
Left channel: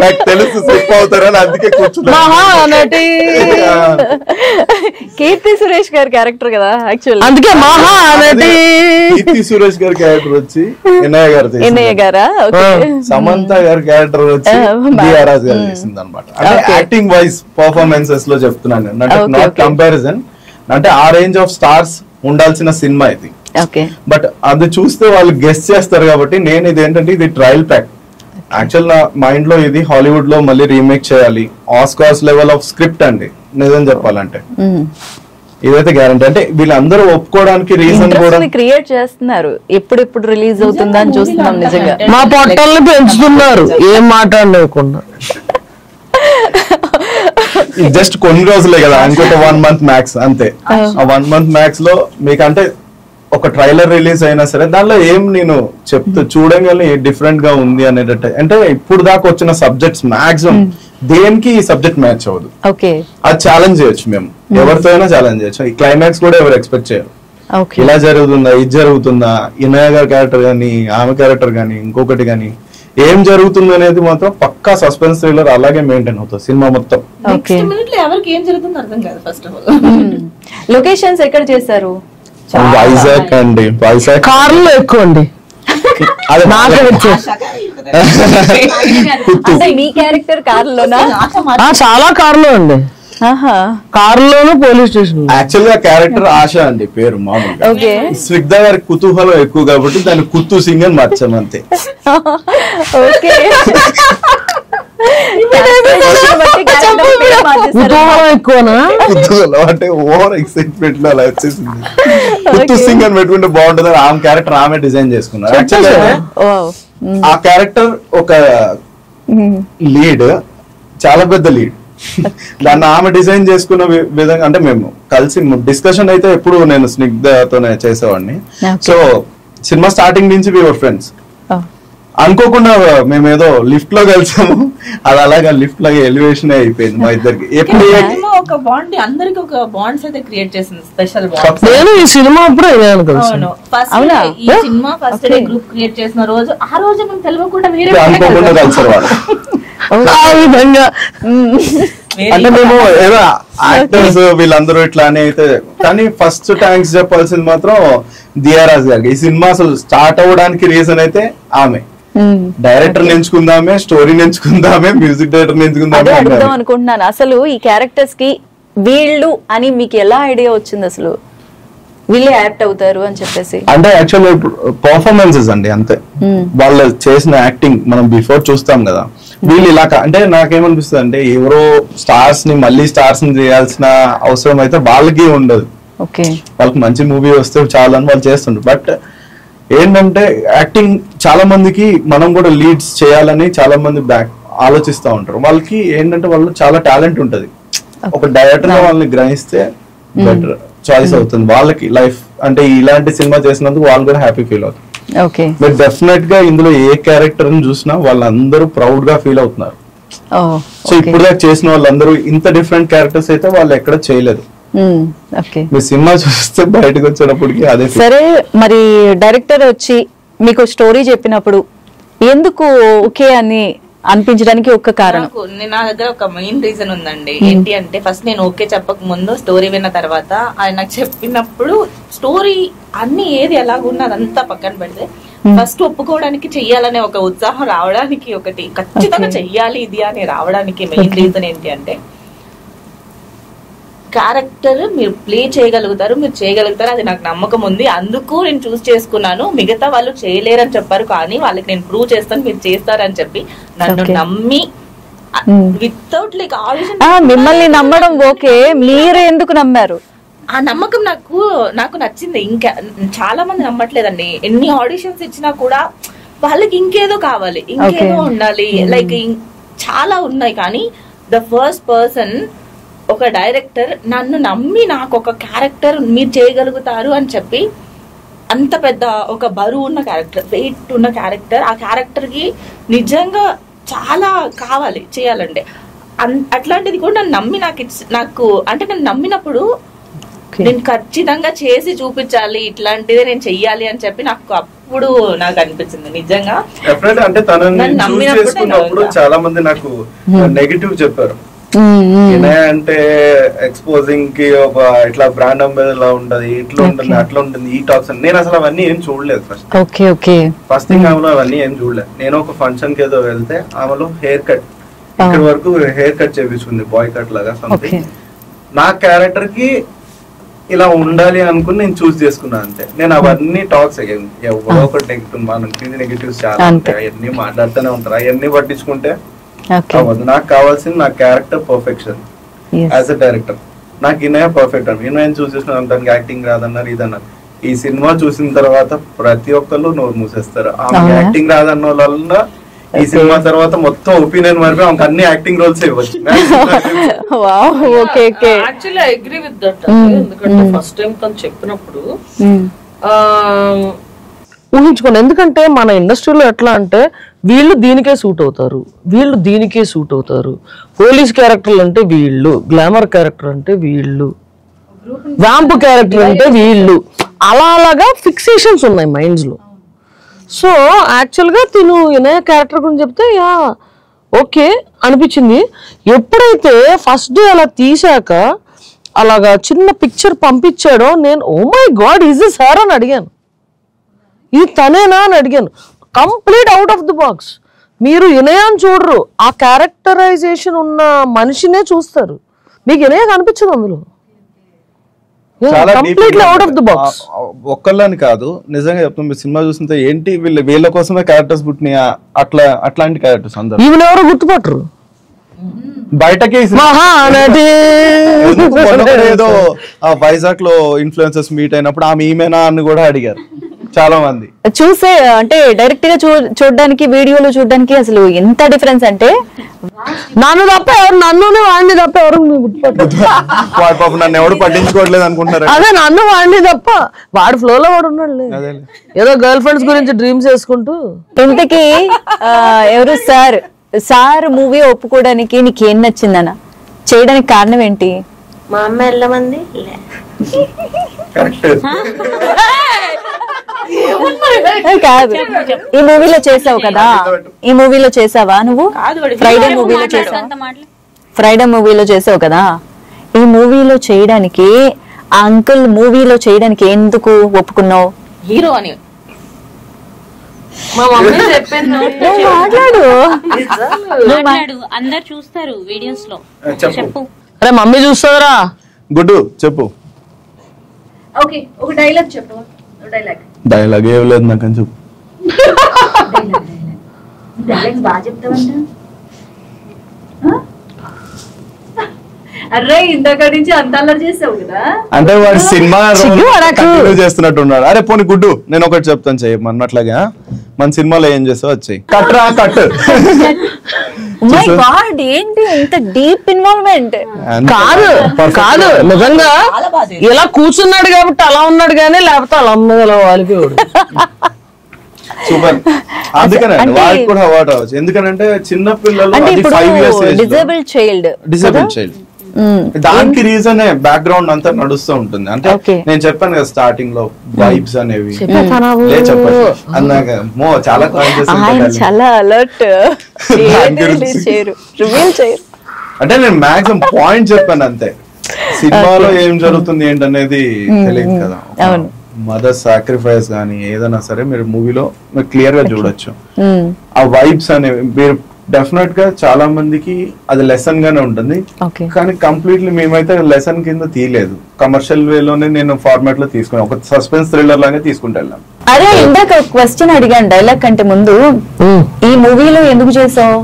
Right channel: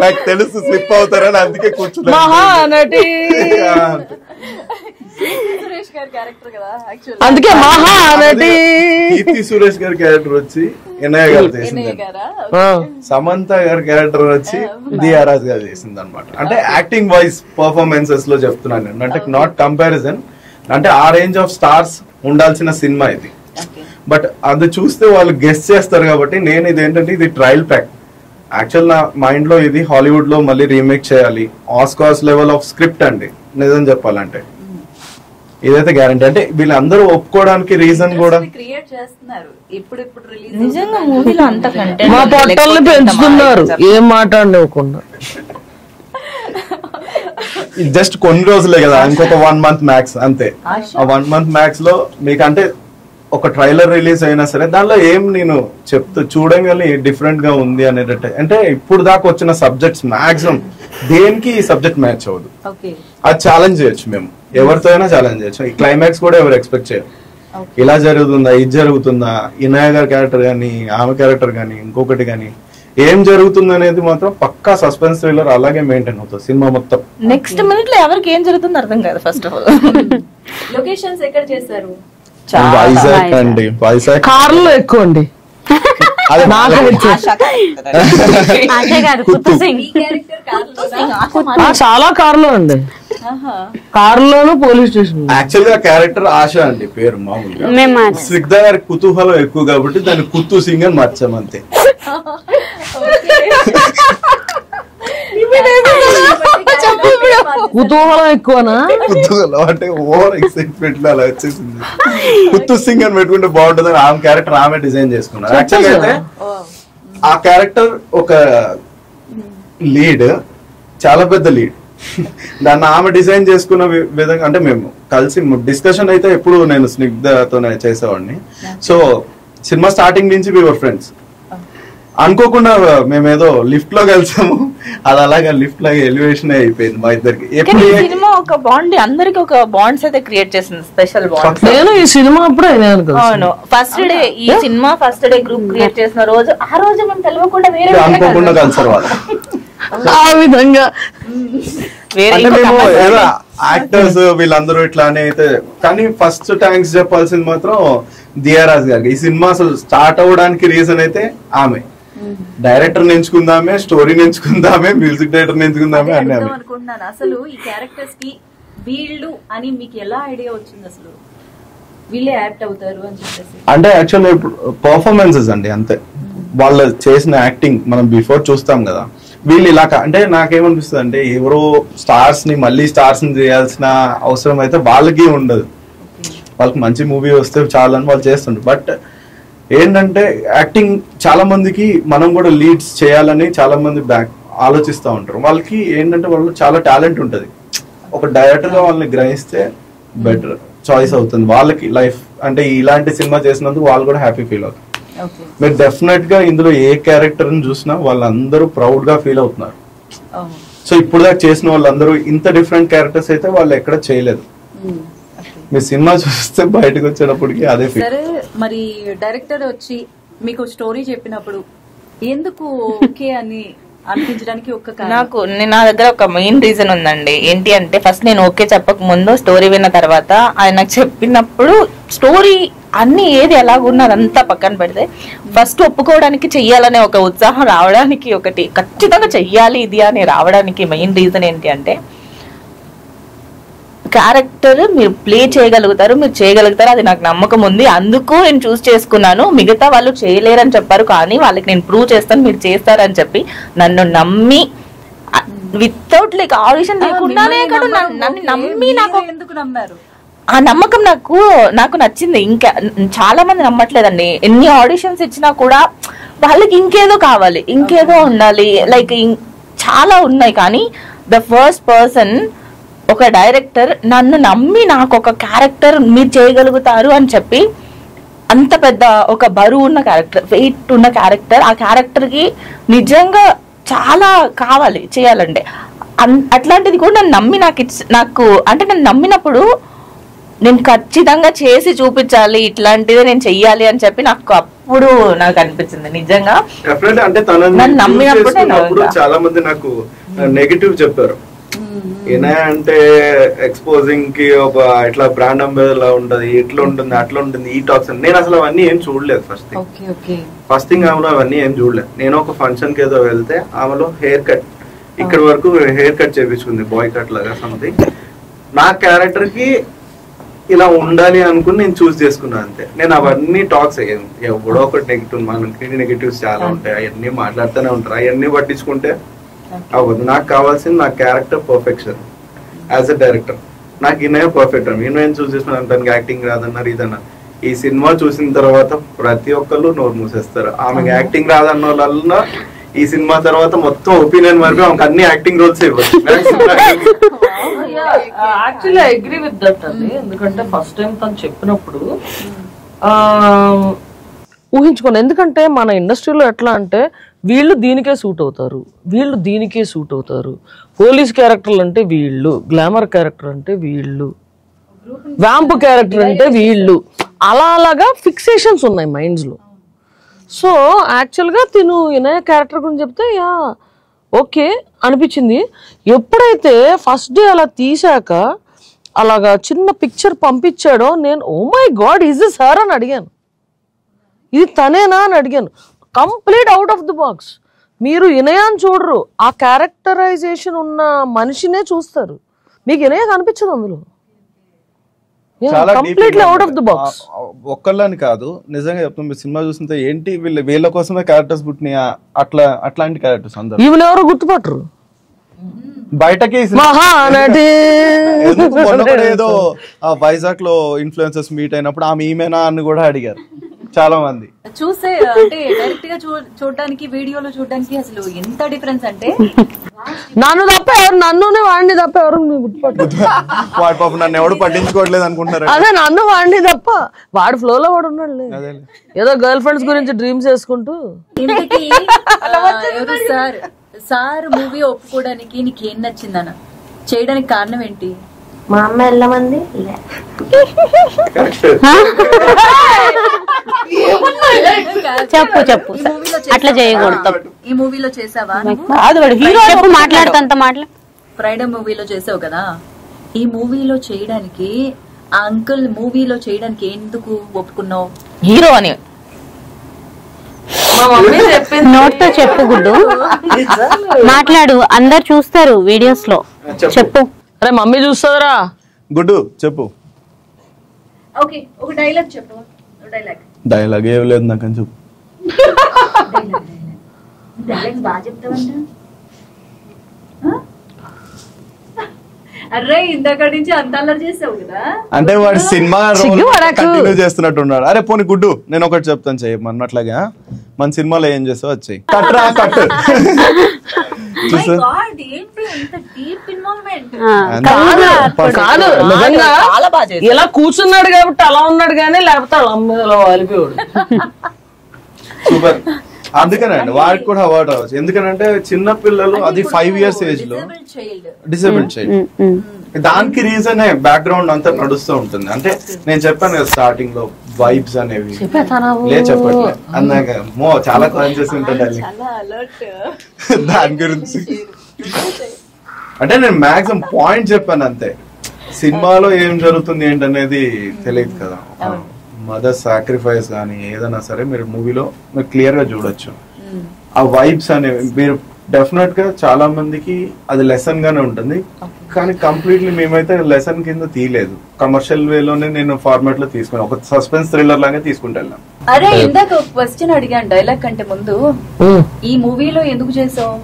నాకు తెలుసు స్లిప్ అవుతారని అందుకే కూర్చున్నా. మహానటి కీర్తి సురేష్ గారి క్యారెక్టర్ కదా యాక్చువల్లీ, అందుకే మహానటి. కీర్తి సురేష్ గారి క్యారెక్టర్ వచ్చి ఎన్ఐ గారా, సమంత గారి క్యారెక్టర్ వచ్చి దియారాజ్ గారు చేసింది అనమాట. అంటే యాక్టింగ్ వైజ్ పర్ఫార్మెన్సెస్ లో చెప్తున్నాను, అంటే నాట్ కంపారిజన్. అంటే ఆ రేంజ్ ఆఫ్ స్టార్స్ ఉండాల్సిన సినిమా ఇది. బట్ అది చూస్తే వాళ్ళు గెస్ చేస్తారు కాబట్టి నేను ఇది ఏంటంటే ఇది ట్రయల్ ప్యాక్. యాక్చువల్ నా మైండ్ లో ఇది హాలీవుడ్ లో మళ్ళీ రీమేక్ చేయాలి, ఆస్కార్స్ లెవెల్ ఆఫ్ స్క్రిప్ట్ అండి నిజం చెప్పాలంటే. ఇదైతే గ్యారంటీ. అంటే వీళ్ళందరూ ఒప్పుకోవడానికి రీజన్ కూడా క్రియేట్ చేస్తున్నారు, ఎప్పుడు రిలీజ్ అవుతుందని చూస్తున్నాం. నిజంగా మా పొట్టల్ని పెంచుతున్నారు ఏం మాట్లాడలేకుండా. జస్ట్ కొన్ని రోజులే కదా, ఇంకొక 1 month మ్యాక్స్ అంతే. ఆ 1 month మ్యాక్స్ లో మీకు అంటే ఒక ట్రైలర్ రిలీజ్ అయినా సరే దానిలో ఏం నేను చెప్తూ చూడగానే డిఫరెంట్ గా ఉంది అనేటట్టు. అంటే ఇప్పుడు దాకా వచ్చిన సబ్జెక్ట్స్ మాక్సిమం దేనికి ఈ సబ్జెక్ట్ మ్యాచ్ అవ్వదు. అది ఛాలెంజ్ చేయొచ్చు, మేము ఎవరితో అయినా ఛాలెంజ్ చేయొచ్చు. ఈ క్లైమాక్స్ కూడా ఎవరు ఎక్స్పెక్ట్ చేయరు. ఇలా జరుగుతుందా, ఇది జరుగుతుందా, ఇనయ గారి క్యారెక్టర్ గానీ ఆమె క్యారెక్టర్ గానీ ఇంకొకటి గానీ ఏం జరుగుతుంది అనేది మాత్రం పక్కా సస్పెన్స్ థ్రిల్లర్ అలాగే మెయింటైన్ అవుతుంది సినిమా మొత్తం. నెక్స్ట్ మినిట్ లో ఎవరికి ఏం జరుగుతుందో అర్థం కాదు. ఫస్ట్ ఆఫ్ ఆల్ లొకేషన్స్ ఎక్కడ చేశారు? వైజాగ్ అండి, వైజాగ్ కార్లో ఎక్కువ అండి. మీ క్యారెక్టర్ కార్లోనా? చాలా కార్లో అండి, కారులోను పోలీస్ స్టేషన్. యాక్చువల్ గా క్యారెక్టర్ ఆశ అండి పేరు. మామూలుగా స్నిగ్ధ గారి కుతూహలం ఎక్కువ కాబట్టి దాన్ని కుత్తు సింగ్ అని మార్చామంతే. కుతూహలం ఎక్కువనా? కుతూహలం అంటే ఓవర్ ఎక్సైట్మెంట్ లో అలా వచ్చేసింది. కుత్తు సింగ్ అని పెట్టుకుంటే బాగుంటుంది అని ఆమె క్యారెక్టర్ ఆమె డిజైన్ చేసుకున్నారు. యాక్చువల్ అయితే ఆ క్యారెక్టర్ ఒక లీడ్, చాలా పెద్ద లీడ్. దాన్ని ఆమె డిజైన్ చేసుకున్న విధంగా అంటే మేము కలిసి డిస్కషన్ అయితే ఎప్పుడు నేను స్నిగ్ధతోనే చేసేవాడిని. సో సినిమా స్టార్టింగ్ నుంచి వి వర్ ఫ్రెండ్స్. అనుకోకుండా మేమేదో లిఫ్ట్ లో కలిసాము, అది అలాగా లిఫ్ట్ లాగా ఎలివేషన్ అయిపోయింది మా ఇద్దరికి. ఒక బాండ్ అందరికి ఒక బాండ్స్ అయితే క్రియేట్ చేసింది, స్పెషల్ బాండ్. నేను ఈ సినిమా అప్పుడు ఫస్ట్ డే ఈ cinema first day group create చేసిన రోజు, ఆ రోజు మేము తెలియకుండా వేరే అనుకోకుండా కలిసారు వాళ్ళు. ఆ విధంగా అంటే మేము ఏదో యాక్టర్స్ వీళ్ళందరూ ఇట్లానే అయితే. కానీ ఫస్ట్ థ్యాంక్స్ చెప్పాల్సింది మాత్రం దియారాజ్ గారికి. ఈ సినిమా అసలు స్టార్ట్ అవ్వడానికి రీజన్ అయితే ఆమె. డైరెక్టర్ ఎంచుకుందామే, స్టోరీ ఎంచుకుందామే, మ్యూజిక్ డైరెక్టర్ ఎంచుకుందామే అనుకుంటున్నాను. అసలు ఈ క్యారెక్టర్స్ కి వీళ్ళు అని మీకు ఎలా ఐడియా వచ్చింది? అసలు వీళ్ళే యాక్ట్ అవుతారు అని చెప్పేసి అంటే యాక్చువల్ పర్ఫార్మెన్సెస్ అండి అంతే. వాళ్ళు చేసిన యాక్టింగ్ మనం బిఫోర్ చూస్తాం కదా, వీళ్ళు ఇలా అంటే నాకేమనిపిస్తుంది అంటే ఎవరో స్టార్స్ ని మళ్ళీ స్టార్స్ ని చేయాల్సిన అవసరం అయితే వాళ్ళకి ఉండదు. వాళ్ళకి మంచి మూవీ వస్తే చాలని వాళ్ళు చేస్తుంటారు. బట్ ఏంటంటే యాక్టింగ్ చాలా మందికి మనం కూడా లీడ్స్ చేయాలని చాలా మంది ఆలోచిస్తూ ఉంటారు. వాళ్ళకి ఏంటంటే వాళ్ళు చాలా టాలెంట్ ఉంటది. ఒక డైరెక్టర్ గా వాళ్ళని గ్రహిస్తే బెటర్ చాయిస్ అవుతుంది వాళ్ళకి లైఫ్. అంటే ఇలాంటి సినిమా చేసినందుకు వాళ్ళు కూడా హ్యాపీ ఫీల్ అవుతారు. మీరు డెఫినెట్ గా ఇందులో ఏ క్యారెక్టర్ ని చూసినా వాళ్ళందరూ ప్రౌడ్ గా ఫీల్ అవుతున్నారు. సో ఇప్పుడు దాకా చేసిన వాళ్ళందరూ ఇంత డిఫరెంట్ క్యారెక్టర్స్ అయితే వాళ్ళు ఎక్కడ చేయలేదు. మీ సినిమా చూస్తే బయటకు వచ్చేటప్పటికి అదే. సరే, మరి డైరెక్టర్ వచ్చి మీకు స్టోరీ చెప్పినప్పుడు ఎందుకు ఓకే అని అనిపించడానికి ఒక కారణం? నా దగ్గర ఒక మెయిన్ రీజన్ ఉందండి. ఏంటి అంటే ఫస్ట్ నేను ఓకే చెప్పక ముందు స్టోరీ విన్న తర్వాత ఆయన చెప్పినప్పుడు స్టోరీ అన్ని ఏది ఎలాగున్నది అంతా పక్కన పెడితే ఫస్ట్ ఒప్పుకోవడానికి చెయ్యాలనే ఒక ఉత్సాహం రావడానికి, ఒకటి ఖచ్చితంగా చెయ్యాలి ఇది అని రావడానికి మెయిన్ రీజన్ ఏంటి అంటే క్యారెక్టర్ మీరు ప్లే చేయగలుగుతారు, మీరు చేయగలుగుతారు, అది నాకు నమ్మకం ఉంది. అందుకు నేను చూస్ చేసుకున్నాను. మిగతా వాళ్ళు చేయలేరని చెప్పారు, కానీ వాళ్ళకి నేను ప్రూవ్ చేస్తాను మీరు చేస్తారని చెప్పి నన్ను నమ్మి వితౌట్ లైక్ ఆడిషన్ మిమ్మల్ని నమ్మడం ఓకే, మీరు ఎందుకు నమ్మారు? ఆ నమ్మకం నాకు నచ్చింది. ఇంకా చాలా మంది నమ్మట్లేదండి. ఎన్ని ఆడిషన్స్ ఇచ్చినా కూడా వాళ్ళకి ఇంకేదో కావాలి, ఇంకేదో ఉండాలి, లైక్ చాలా ఉన్నాయి. కానీ ద ఫస్ట్ పర్సన్, ఒక డైరెక్టర్ నన్ను నమ్మి నాకు ఒక క్యారెక్టర్ మీరు చేయగలుగుతారు అని చెప్పి, అంత పెద్ద ఒక బరువు ఉన్న క్యారెక్టర్, వెయిట్ ఉన్న క్యారెక్టర్, ఆ క్యారెక్టర్ కి నిజంగా చాలా కావాలి చేయాలంటే, అట్లాంటిది కూడా నన్ను నమ్మి నాకు అంటే నన్ను నమ్మినప్పుడు నేను ఖచ్చితంగా చేసి చూపించాలి, ఇట్లాంటిదే నేను చెయ్యాలి అని చెప్పి నాకు అప్పుడు నాకు అనిపించింది నిజంగా. అంటే తనని చాలా మంది నాకు నెగటివ్ చెప్పారు. అంటే ఎక్స్పోజింగ్ కి ఒక ఇట్లా బ్రాండ్ అంబాసిడర్ లా ఉంటది, ఇట్లా ఉంటుంది, అట్లా ఉంటుంది, ఈ టాక్స్. నేను అసలు అవన్నీ ఏం చూడలేదు. ఫస్ట్ థింగ్ ఆమెలో అవన్నీ ఏం చూడలేదు. నేను ఒక ఫంక్షన్ కి ఏదో వెళ్తే ఆమెలో హెయిర్ కట్, ఇక్కడ వరకు హెయిర్ కట్ చేపించుకుంది, బాయ్ కట్ లాగా సంథింగ్. నా క్యారెక్టర్ కి ఇలా ఉండాలి అనుకుని నేను చూస్ చేసుకున్నాను అంతే. నేను అవన్నీ టాక్స్ ఎవడో ఒకటి నెగిటివ్, మనం నెగిటివ్స్ చాలా ఉంటాయి, అవన్నీ మాట్లాడుతూనే ఉంటారు. అవన్నీ పట్టించుకుంటే అవ్వదు. నాకు కావాల్సింది నా character perfection. As a director నాకు ఇన్నయ్య పర్ఫెక్ట్ అన్న, ఇన్నయ్య చూస్ చేసిన తనకి యాక్టింగ్ రాదన్నారు, ఇదన్నారు. ఈ సినిమా చూసిన తర్వాత ప్రతి ఒక్కళ్ళు నోరు మూసేస్తారు. ఆమె యాక్టింగ్ రాదన్న వాళ్ళ ఈ సినిమా తర్వాత మొత్తం ఒపీనియన్ మరి ఆమెకు అన్ని యాక్టింగ్ రోల్స్ ఇవ్వచ్చు. Actually I agree with that. ఎందుకంటే ఫస్ట్ టైం తను చెప్పినప్పుడు ఊహించుకోండి. ఎందుకంటే మన ఇండస్ట్రీలో ఎట్లా అంటే వీళ్ళు దీనికే సూట్ అవుతారు, వీళ్ళు దీనికే సూట్ అవుతారు. పోలీస్ క్యారెక్టర్లు అంటే వీళ్ళు, గ్లామర్ క్యారెక్టర్ అంటే వీళ్ళు, వ్యాంప్ క్యారెక్టర్ అంటే వీళ్ళు, అలాగా ఫిక్సేషన్స్ ఉన్నాయి మైండ్స్ లో. సో యాక్చువల్గా తిను ఇనయ క్యారెక్టర్ గురించి చెప్తే యా ఓకే అనిపించింది. ఎప్పుడైతే ఫస్ట్ డే అలా తీసాక అలాగా చిన్న పిక్చర్ పంపించాడో నేను oh my god is this her అని అడిగాను, ఇది తనేనా అని అడిగాను. Complete out of the box. మీరు ఇనయాన్ని చూడరు, ఆ క్యారెక్టరైజేషన్ ఉన్న మనిషినే చూస్తారు, మీకు ఇనయ కనిపించదు అందులో. Completely out of the box. ఒక్కళ్ళని కాదు, నిజంగా చెప్తాను, సినిమా చూస్తుంటే ఏంటి వీళ్ళ కోసమే క్యారెక్టర్స్ పుట్టినాయి, అట్లాంటి క్యారెక్టర్స్ అందరూ. ఈమెను ఎవరు గుర్తుపట్టరు బయటకి. ఏదో వైజాగ్ లో ఇన్ఫ్లుయెన్సర్స్ మీట్ అయినప్పుడు ఆమె ఈమెనా అని కూడా అడిగారు చాలా మంది. చూసే అంటే డైరెక్ట్ గా చూడడానికి, వీడియోలో చూడడానికి అసలు ఎంత డిఫరెన్స్ అంటే నన్ను తప్ప ఎవరు, నన్నునే వాడిని తప్ప ఎవరు వాడు పాపం నన్ను ఎవడు పట్టించుకోవట్లేదు అనుకుంటున్నారు. అదే నన్ను వాడిని తప్ప వాడు ఫ్లో లో వాడు ఉన్నాడు, ఏదో గర్ల్ ఫ్రెండ్స్ గురించి డ్రీమ్స్ చేసుకుంటూ. ఇంతకీ ఎవరు సార్ మూవీ ఒప్పుకోవడానికి నీకేం నచ్చిందన్న, చేయడానికి కారణం ఏంటి? మా అమ్మ వెళ్ళమంది. చెప్పు. ఈ మూవీలో చేసావా నువ్వు? ఫ్రైడే మూవీలో చేసావు కదా. ఈ మూవీలో చేయడానికి, ఆ అంకుల్ మూవీలో చేయడానికి ఎందుకు ఒప్పుకున్నావు? హీరో అని నోట్తో చెప్పు గుడ్డు, మాట్లాడు, అందరు చూస్తారు వీడియోస్ లో. చెప్పు. అరే మమ్మీ చూస్తుందిరా. గుడ్డు చెప్పు. ఓకే, ఒక డైలాగ్ చెప్పు. డైలాగ్ ఏం లేదు నాకని చెప్పు. డైలాగ్స్ బాగా చెప్తావంట. అరే ఇందాక నుంచి అంత అల్లరి చేసావు కదా. అంటే వాడు సినిమా కంటిన్యూ చేస్తున్నట్టు ఉన్నాడు. అరే పోనీ గుడ్డు, నేను ఒకటి చెప్తాను చెయ్యి అట్లాగా. మన సినిమాలో ఏం చేస్తావు వచ్చాయి కట్రా కట్. ఏంటి ఇంత డీప్ ఇన్వాల్వ్మెంట్? కాదు నిజంగా ఇలా కూర్చున్నాడు కాబట్టి అలా ఉన్నాడు కానీ, లేకపోతే అలా అమ్మ ఇలా వాలిపోయాడు. సూపర్. అందుకనండి వాడికి కూడా అవార్డు రావచ్చు. ఎందుకనంటే చిన్న పిల్లలు, అది 5 years ఏజ్, డిసేబుల్ చైల్డ్. దానికి రీజన్ బ్యాక్గ్రౌండ్ అంతా నడుస్తూ ఉంటుంది. అంటే నేను చెప్పాను కదా స్టార్టింగ్ లో వైబ్స్ అనేవి చెప్పండి అన్నాక చాలా కాన్షియస్ ఉంటుంది. దాని గురించి అంటే నేను మాక్సిమం పాయింట్ చెప్పాను అంతే. సినిమాలో ఏం జరుగుతుంది ఏంటనేది తెలియదు కదా. మదర్ సాక్రిఫైస్ కానీ ఏదైనా సరే మీరు మూవీలో మీరు క్లియర్ గా చూడొచ్చు. ఆ వైబ్స్ అనేవి మీరు డెఫినెట్ గా చాలా మందికి అది లెసన్ గానే ఉంటుంది. కానీ కంప్లీట్లీ మేమైతే లెసన్ కింద తీయలేదు, కమర్షియల్ వేలోనే నేను ఫార్మాట్ లో తీసుకుని ఒక సస్పెన్స్ థ్రిల్లర్ లాగా తీసుకుంటూ వెళ్ళాను. అరే ఇందాక క్వశ్చన్ అడిగాను డైలాగ్ కంటే ముందు, ఈ మూవీలో ఎందుకు చేసావు?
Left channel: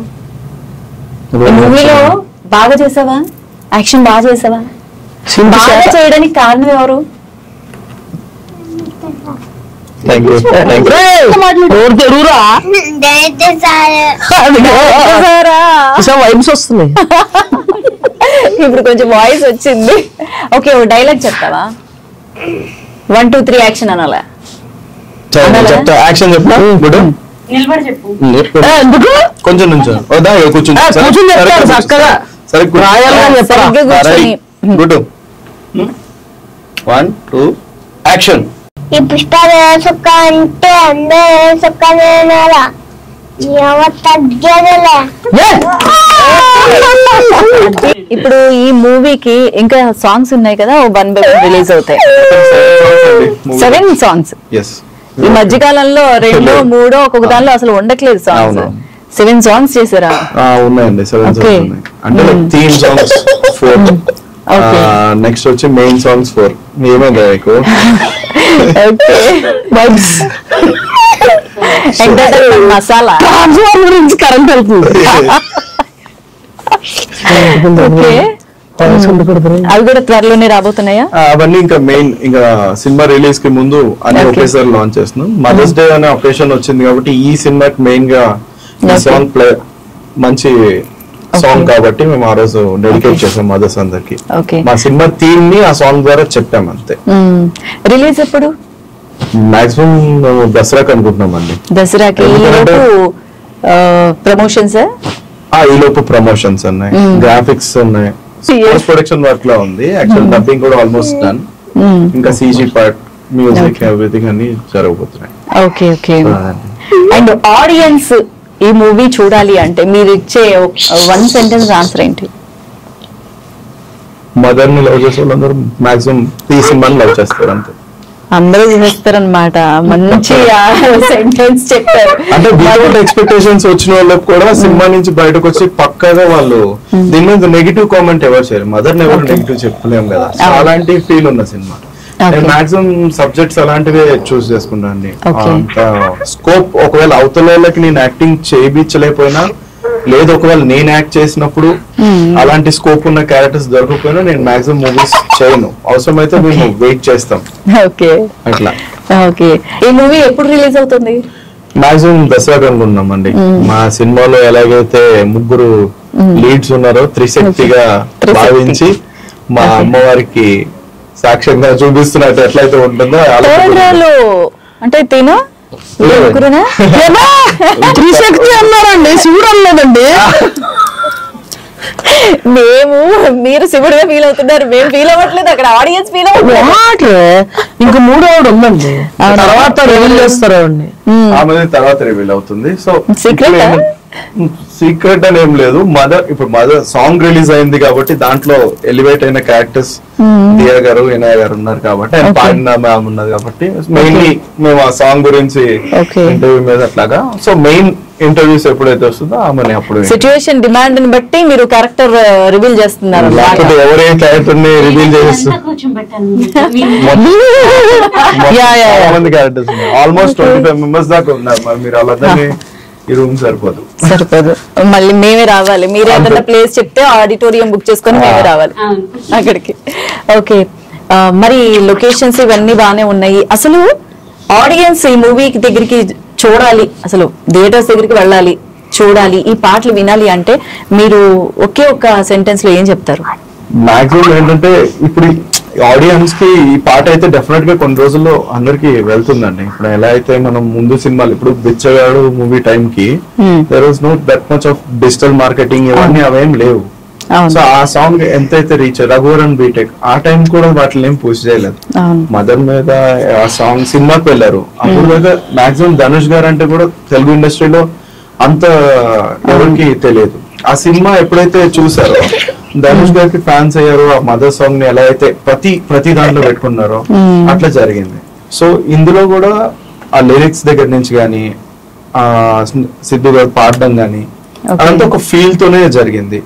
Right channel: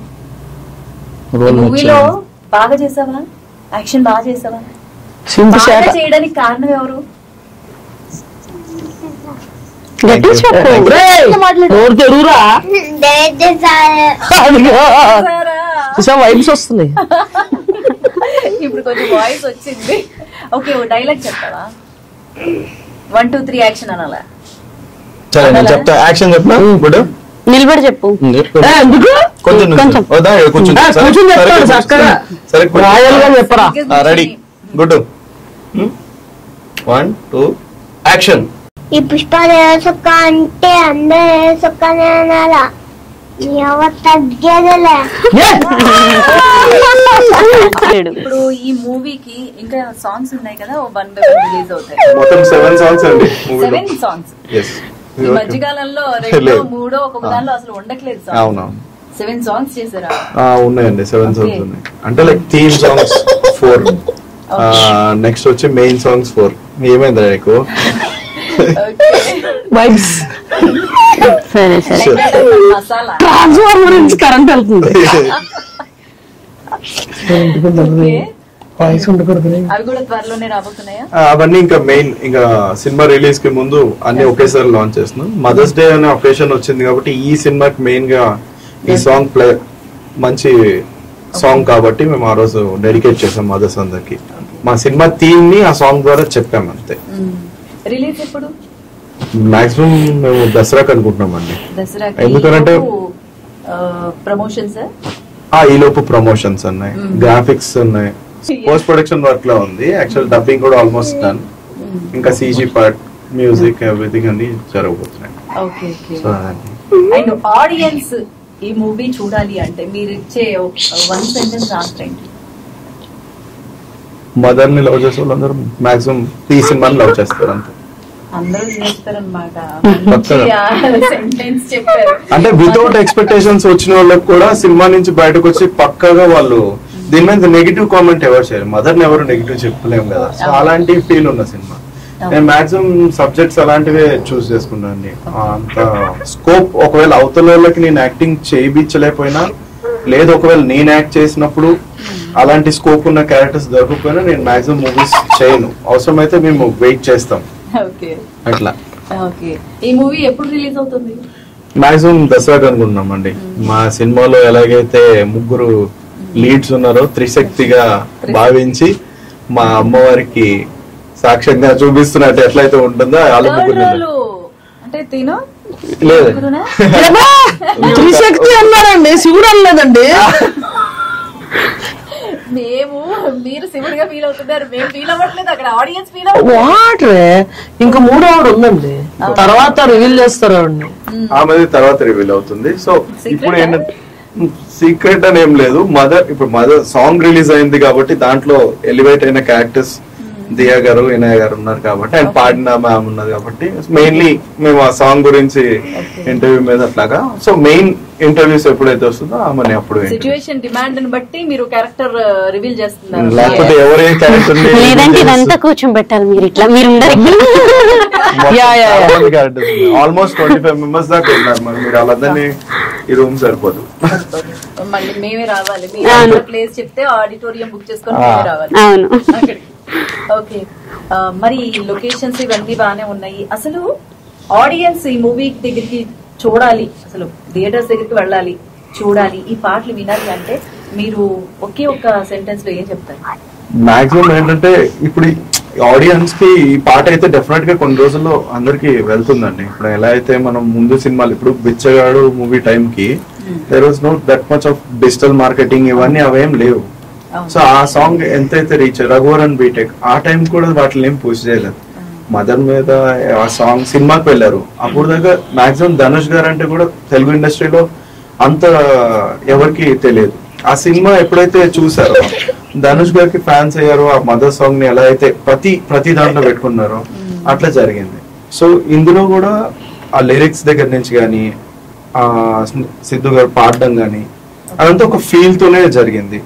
మూవీలో బాగా చేసావా, యాక్షన్ బాగా చేసావా, సింపు బాగా శాత చేయడానికి కారణం ఎవరు? నోరు తెరువురా, డైరెక్టర్ సార్ వైబ్స్ వస్తున్నాయి. ఇప్పుడు కొంచెం వాయిస్ వచ్చింది. ఓకే, ఓ డైలాగ్ చెప్తావా? 1 2 3 యాక్షన్ అనాలా? సరే నేను చెప్తా, యాక్షన్ చెప్తా. గుడ్, నిలబడి చెప్పు. ఎందుకు కొంచెం నుంచి కూర్చుని కూర్చుని చెప్తాడు చక్కగా, సరే రాయల్ గా చెప్పరా. Ready, good. 1 2 యాక్షన్. ఈ పుష్పాలు సొక్క అంటే అందరూ సొక్కనేనారా ఎవరు తగ్గేదిలే. ఇప్పుడు ఈ మూవీకి ఇంకా సాంగ్స్ ఉన్నాయి కదా, 1 by 1 రిలీజ్ అవుతాయి. 7 songs అండి 7 సాంగ్స్. ఎస్, ఈ మధ్య కాలంలో 2 3 ఒక్కొక్క దానిలో అసలు ఉండట్లేదు సాంగ్స్. 7 సాంగ్స్ చేసారా? ఉన్నాయండి, 7 songs ఉన్నాయి. అంటే లైక్ థీమ్ సాంగ్స్ 4, నెక్స్ట్ వచ్చి మెయిన్ సాంగ్స్ 4. ఏమైందా నీకు? వైబ్స్ మసాలా ట్రాన్స్ఫార్మర్ గురించి కరెంట్ వెళ్తుంది. వాయిస్ ఉండకూడదు. అవి కూడా త్వరలోనే రాబోతున్నాయా? అవన్నీ ఇంకా మెయిన్ ఇంకా సినిమా రిలీజ్ కి ముందు అన్ని ఒకేసారి లాంచ్ చేస్తున్నాం. మదర్స్ డే అనే ఒకేషన్ వచ్చింది కాబట్టి ఈ సినిమాకి మెయిన్ గా ఈ సాంగ్ ప్లే మంచి సాంగ్ కాబట్టి మేము ఆ రోజు డెడికేట్ చేసాం మదర్స్ అందరికి. మా సినిమా థీమ్ ని ఆ సాంగ్ ద్వారా చెప్పాం అంతే. రిలీజ్ ఎప్పుడు? మాక్సిమం మేము దసరాకి అనుకుంటున్నాం అండి. దసరాకి. ఎందుకంటే ప్రమోషన్స్ ఈ లోపు ప్రమోషన్స్ ఉన్నాయి, గ్రాఫిక్స్ ఉన్నాయి, పోస్ట్ ప్రొడక్షన్ వర్క్ లో ఉంది. యాక్చువల్ డబ్బింగ్ కూడా ఆల్మోస్ట్ డన్. ఇంకా CG పార్ట్, మ్యూజిక్, ఎవ్రీథింగ్ అన్ని జరగబోతున్నాయి. Okay okay. అండ్ ఆడియన్స్ ఈ మూవీ చూడాలి అంటే మీరు ఇచ్చే 1 sentence ఆన్సర్ ఏంటి? మదర్ ని లవ్ చేసే వాళ్ళందరూ మాక్సిమం ఈ సినిమాని లవ్ చేస్తారు అంతే. అందరూ చూస్తారనమాట. మంచి సెంటెన్స్ చెప్పారు. అంటే వితౌట్ ఎక్స్పెక్టేషన్స్ వచ్చిన వాళ్ళకి కూడా సినిమా నుంచి బయటకు వచ్చి పక్కాగా వాళ్ళు దీని మీద నెగిటివ్ కామెంట్ ఎవరు చేయరు. మదర్ ని ఎవరు నెగిటివ్ చెప్పలేము కదా, సో అలాంటి ఫీల్ ఉన్న సినిమా. నేను మాక్సిమం సబ్జెక్ట్స్ అలాంటివే చూస్ చేసుకుంటాను అండి. అంత స్కోప్ ఒకవేళ అవతల వాళ్ళకి నేను యాక్టింగ్ చేయించలేకపోయినా, లేదు ఒకవేళ నేను యాక్ట్ చేసినప్పుడు అలాంటి స్కోప్ ఉన్న క్యారెక్టర్స్ దొరకకపోయినా నేను మాక్సిమం మూవీస్ చేయను. అవసరమైతే మేము వెయిట్ చేస్తాం. ఓకే అట్లా. ఓకే, ఈ మూవీ ఎప్పుడు రిలీజ్ అవుతుంది? మాక్సిమం దసరాకి అనుకుంటున్నాం అండి. మా సినిమాలో ఎలాగైతే 3 లీడ్స్ ఉన్నారో త్రిశక్తిగా భావించి మా అమ్మవారికి సాక్ష్యంగా చూపిస్తున్నట్టు ఎట్లయితే ఉంటుందో అంటే తిను త్రిశక్తి అన్నారండి, శివుడు అనలేదండి. మీరు శివుడుగా ఫీల్ అవుతున్నారు, మేము ఫీల్ అవ్వట్లేదు, అక్కడ ఆడియన్స్ ఫీల్ అవుతుంది. ఇంకా 3వ ఆవిడ ఉందండి, తర్వాత రివీల్ చేస్తారు అండి. ఆమె తర్వాత రివీల్ అవుతుంది. సో ఇప్పుడు ఏంటంటే సీక్రెట్ అని ఏం లేదు. మదర్ సాంగ్ రిలీజ్ అయింది కాబట్టి దాంట్లో ఎలివేట్ అయిన క్యారెక్టర్స్ దియా గారు, వినయ్ గారు ఉన్నారు కాబట్టి, ఆయన పాడిన మ్యామ్ ఉన్నది కాబట్టి మెయిన్లీ మేము ఆ సాంగ్ గురించి ఇంటర్వ్యూ మీద అట్లాగా. సో మెయిన్ ఇంటర్వ్యూస్ ఎప్పుడైతే వస్తుందో ఆమె అప్పుడు సిచ్యువేషన్ డిమాండ్ ని బట్టి మీరు క్యారెక్టర్ రివీల్ చేస్తున్నారు. లేకపోతే ఎవరే క్యారెక్టర్ ని రివీల్ చేస్తారు కూర్చోబెట్టాలి. క్యారెక్టర్స్ ఆల్మోస్ట్ 25 మెంబర్స్ దాకా ఉన్నారు. మరి మీరు వాళ్ళందరినీ ఈ రూమ్ సరిపోదు. మళ్ళీ మేమే రావాలి. మీరే అంత ప్లేస్ చెప్తే ఆడిటోరియం బుక్ చేసుకొని మేమే రావాలి అక్కడికి. ఓకే, మరి లొకేషన్స్ ఇవన్నీ బాగానే ఉన్నాయి. అసలు ఆడియన్స్ ఈ మూవీ దగ్గరికి చూడాలి, అసలు థియేటర్స్ దగ్గరికి వెళ్ళాలి, చూడాలి, ఈ పాటలు వినాలి అంటే మీరు ఒకే ఒక్క సెంటెన్స్ లో ఏం చెప్తారు? మాక్సిమం ఏంటంటే ఇప్పుడు ఆడియన్స్ కి ఈ పాట అయితే డెఫినెట్ గా కొన్ని రోజుల్లో అందరికి వెళ్తుందండి. ఇప్పుడు ఎలా అయితే మనం ముందు సినిమాలు ఇప్పుడు బిచ్చగాడు మూవీ టైం కి there was no that much of digital marketing, ఇవన్నీ అవేం లేవు. సో ఆ సాంగ్ ఎంతైతే రీచ్ రఘువరన్ బీటెక్ ఆ టైం కూడా వాటిని ఏం పూజ చేయలేదు. మదర్ మీద ఆ సాంగ్ సినిమాకి వెళ్ళారు. అప్పుడు దాకా మాక్సిమం ధనుష్ గారు అంటే కూడా తెలుగు ఇండస్ట్రీలో అంత ఎవరికి తెలియదు. ఆ సినిమా ఎప్పుడైతే చూసారో ధనుష్ గారికి ఫ్యాన్స్ అయ్యారు. ఆ మదర్ సాంగ్ ని ఎలా అయితే ప్రతి దాంట్లో పెట్టుకున్నారో అట్లా జరిగింది. సో ఇందులో కూడా ఆ లిరిక్స్ దగ్గర నుంచి గానీ, ఆ సిద్ధు గారు పాడడం గానీ అదంతా ఒక ఫీల్ తోనే జరిగింది.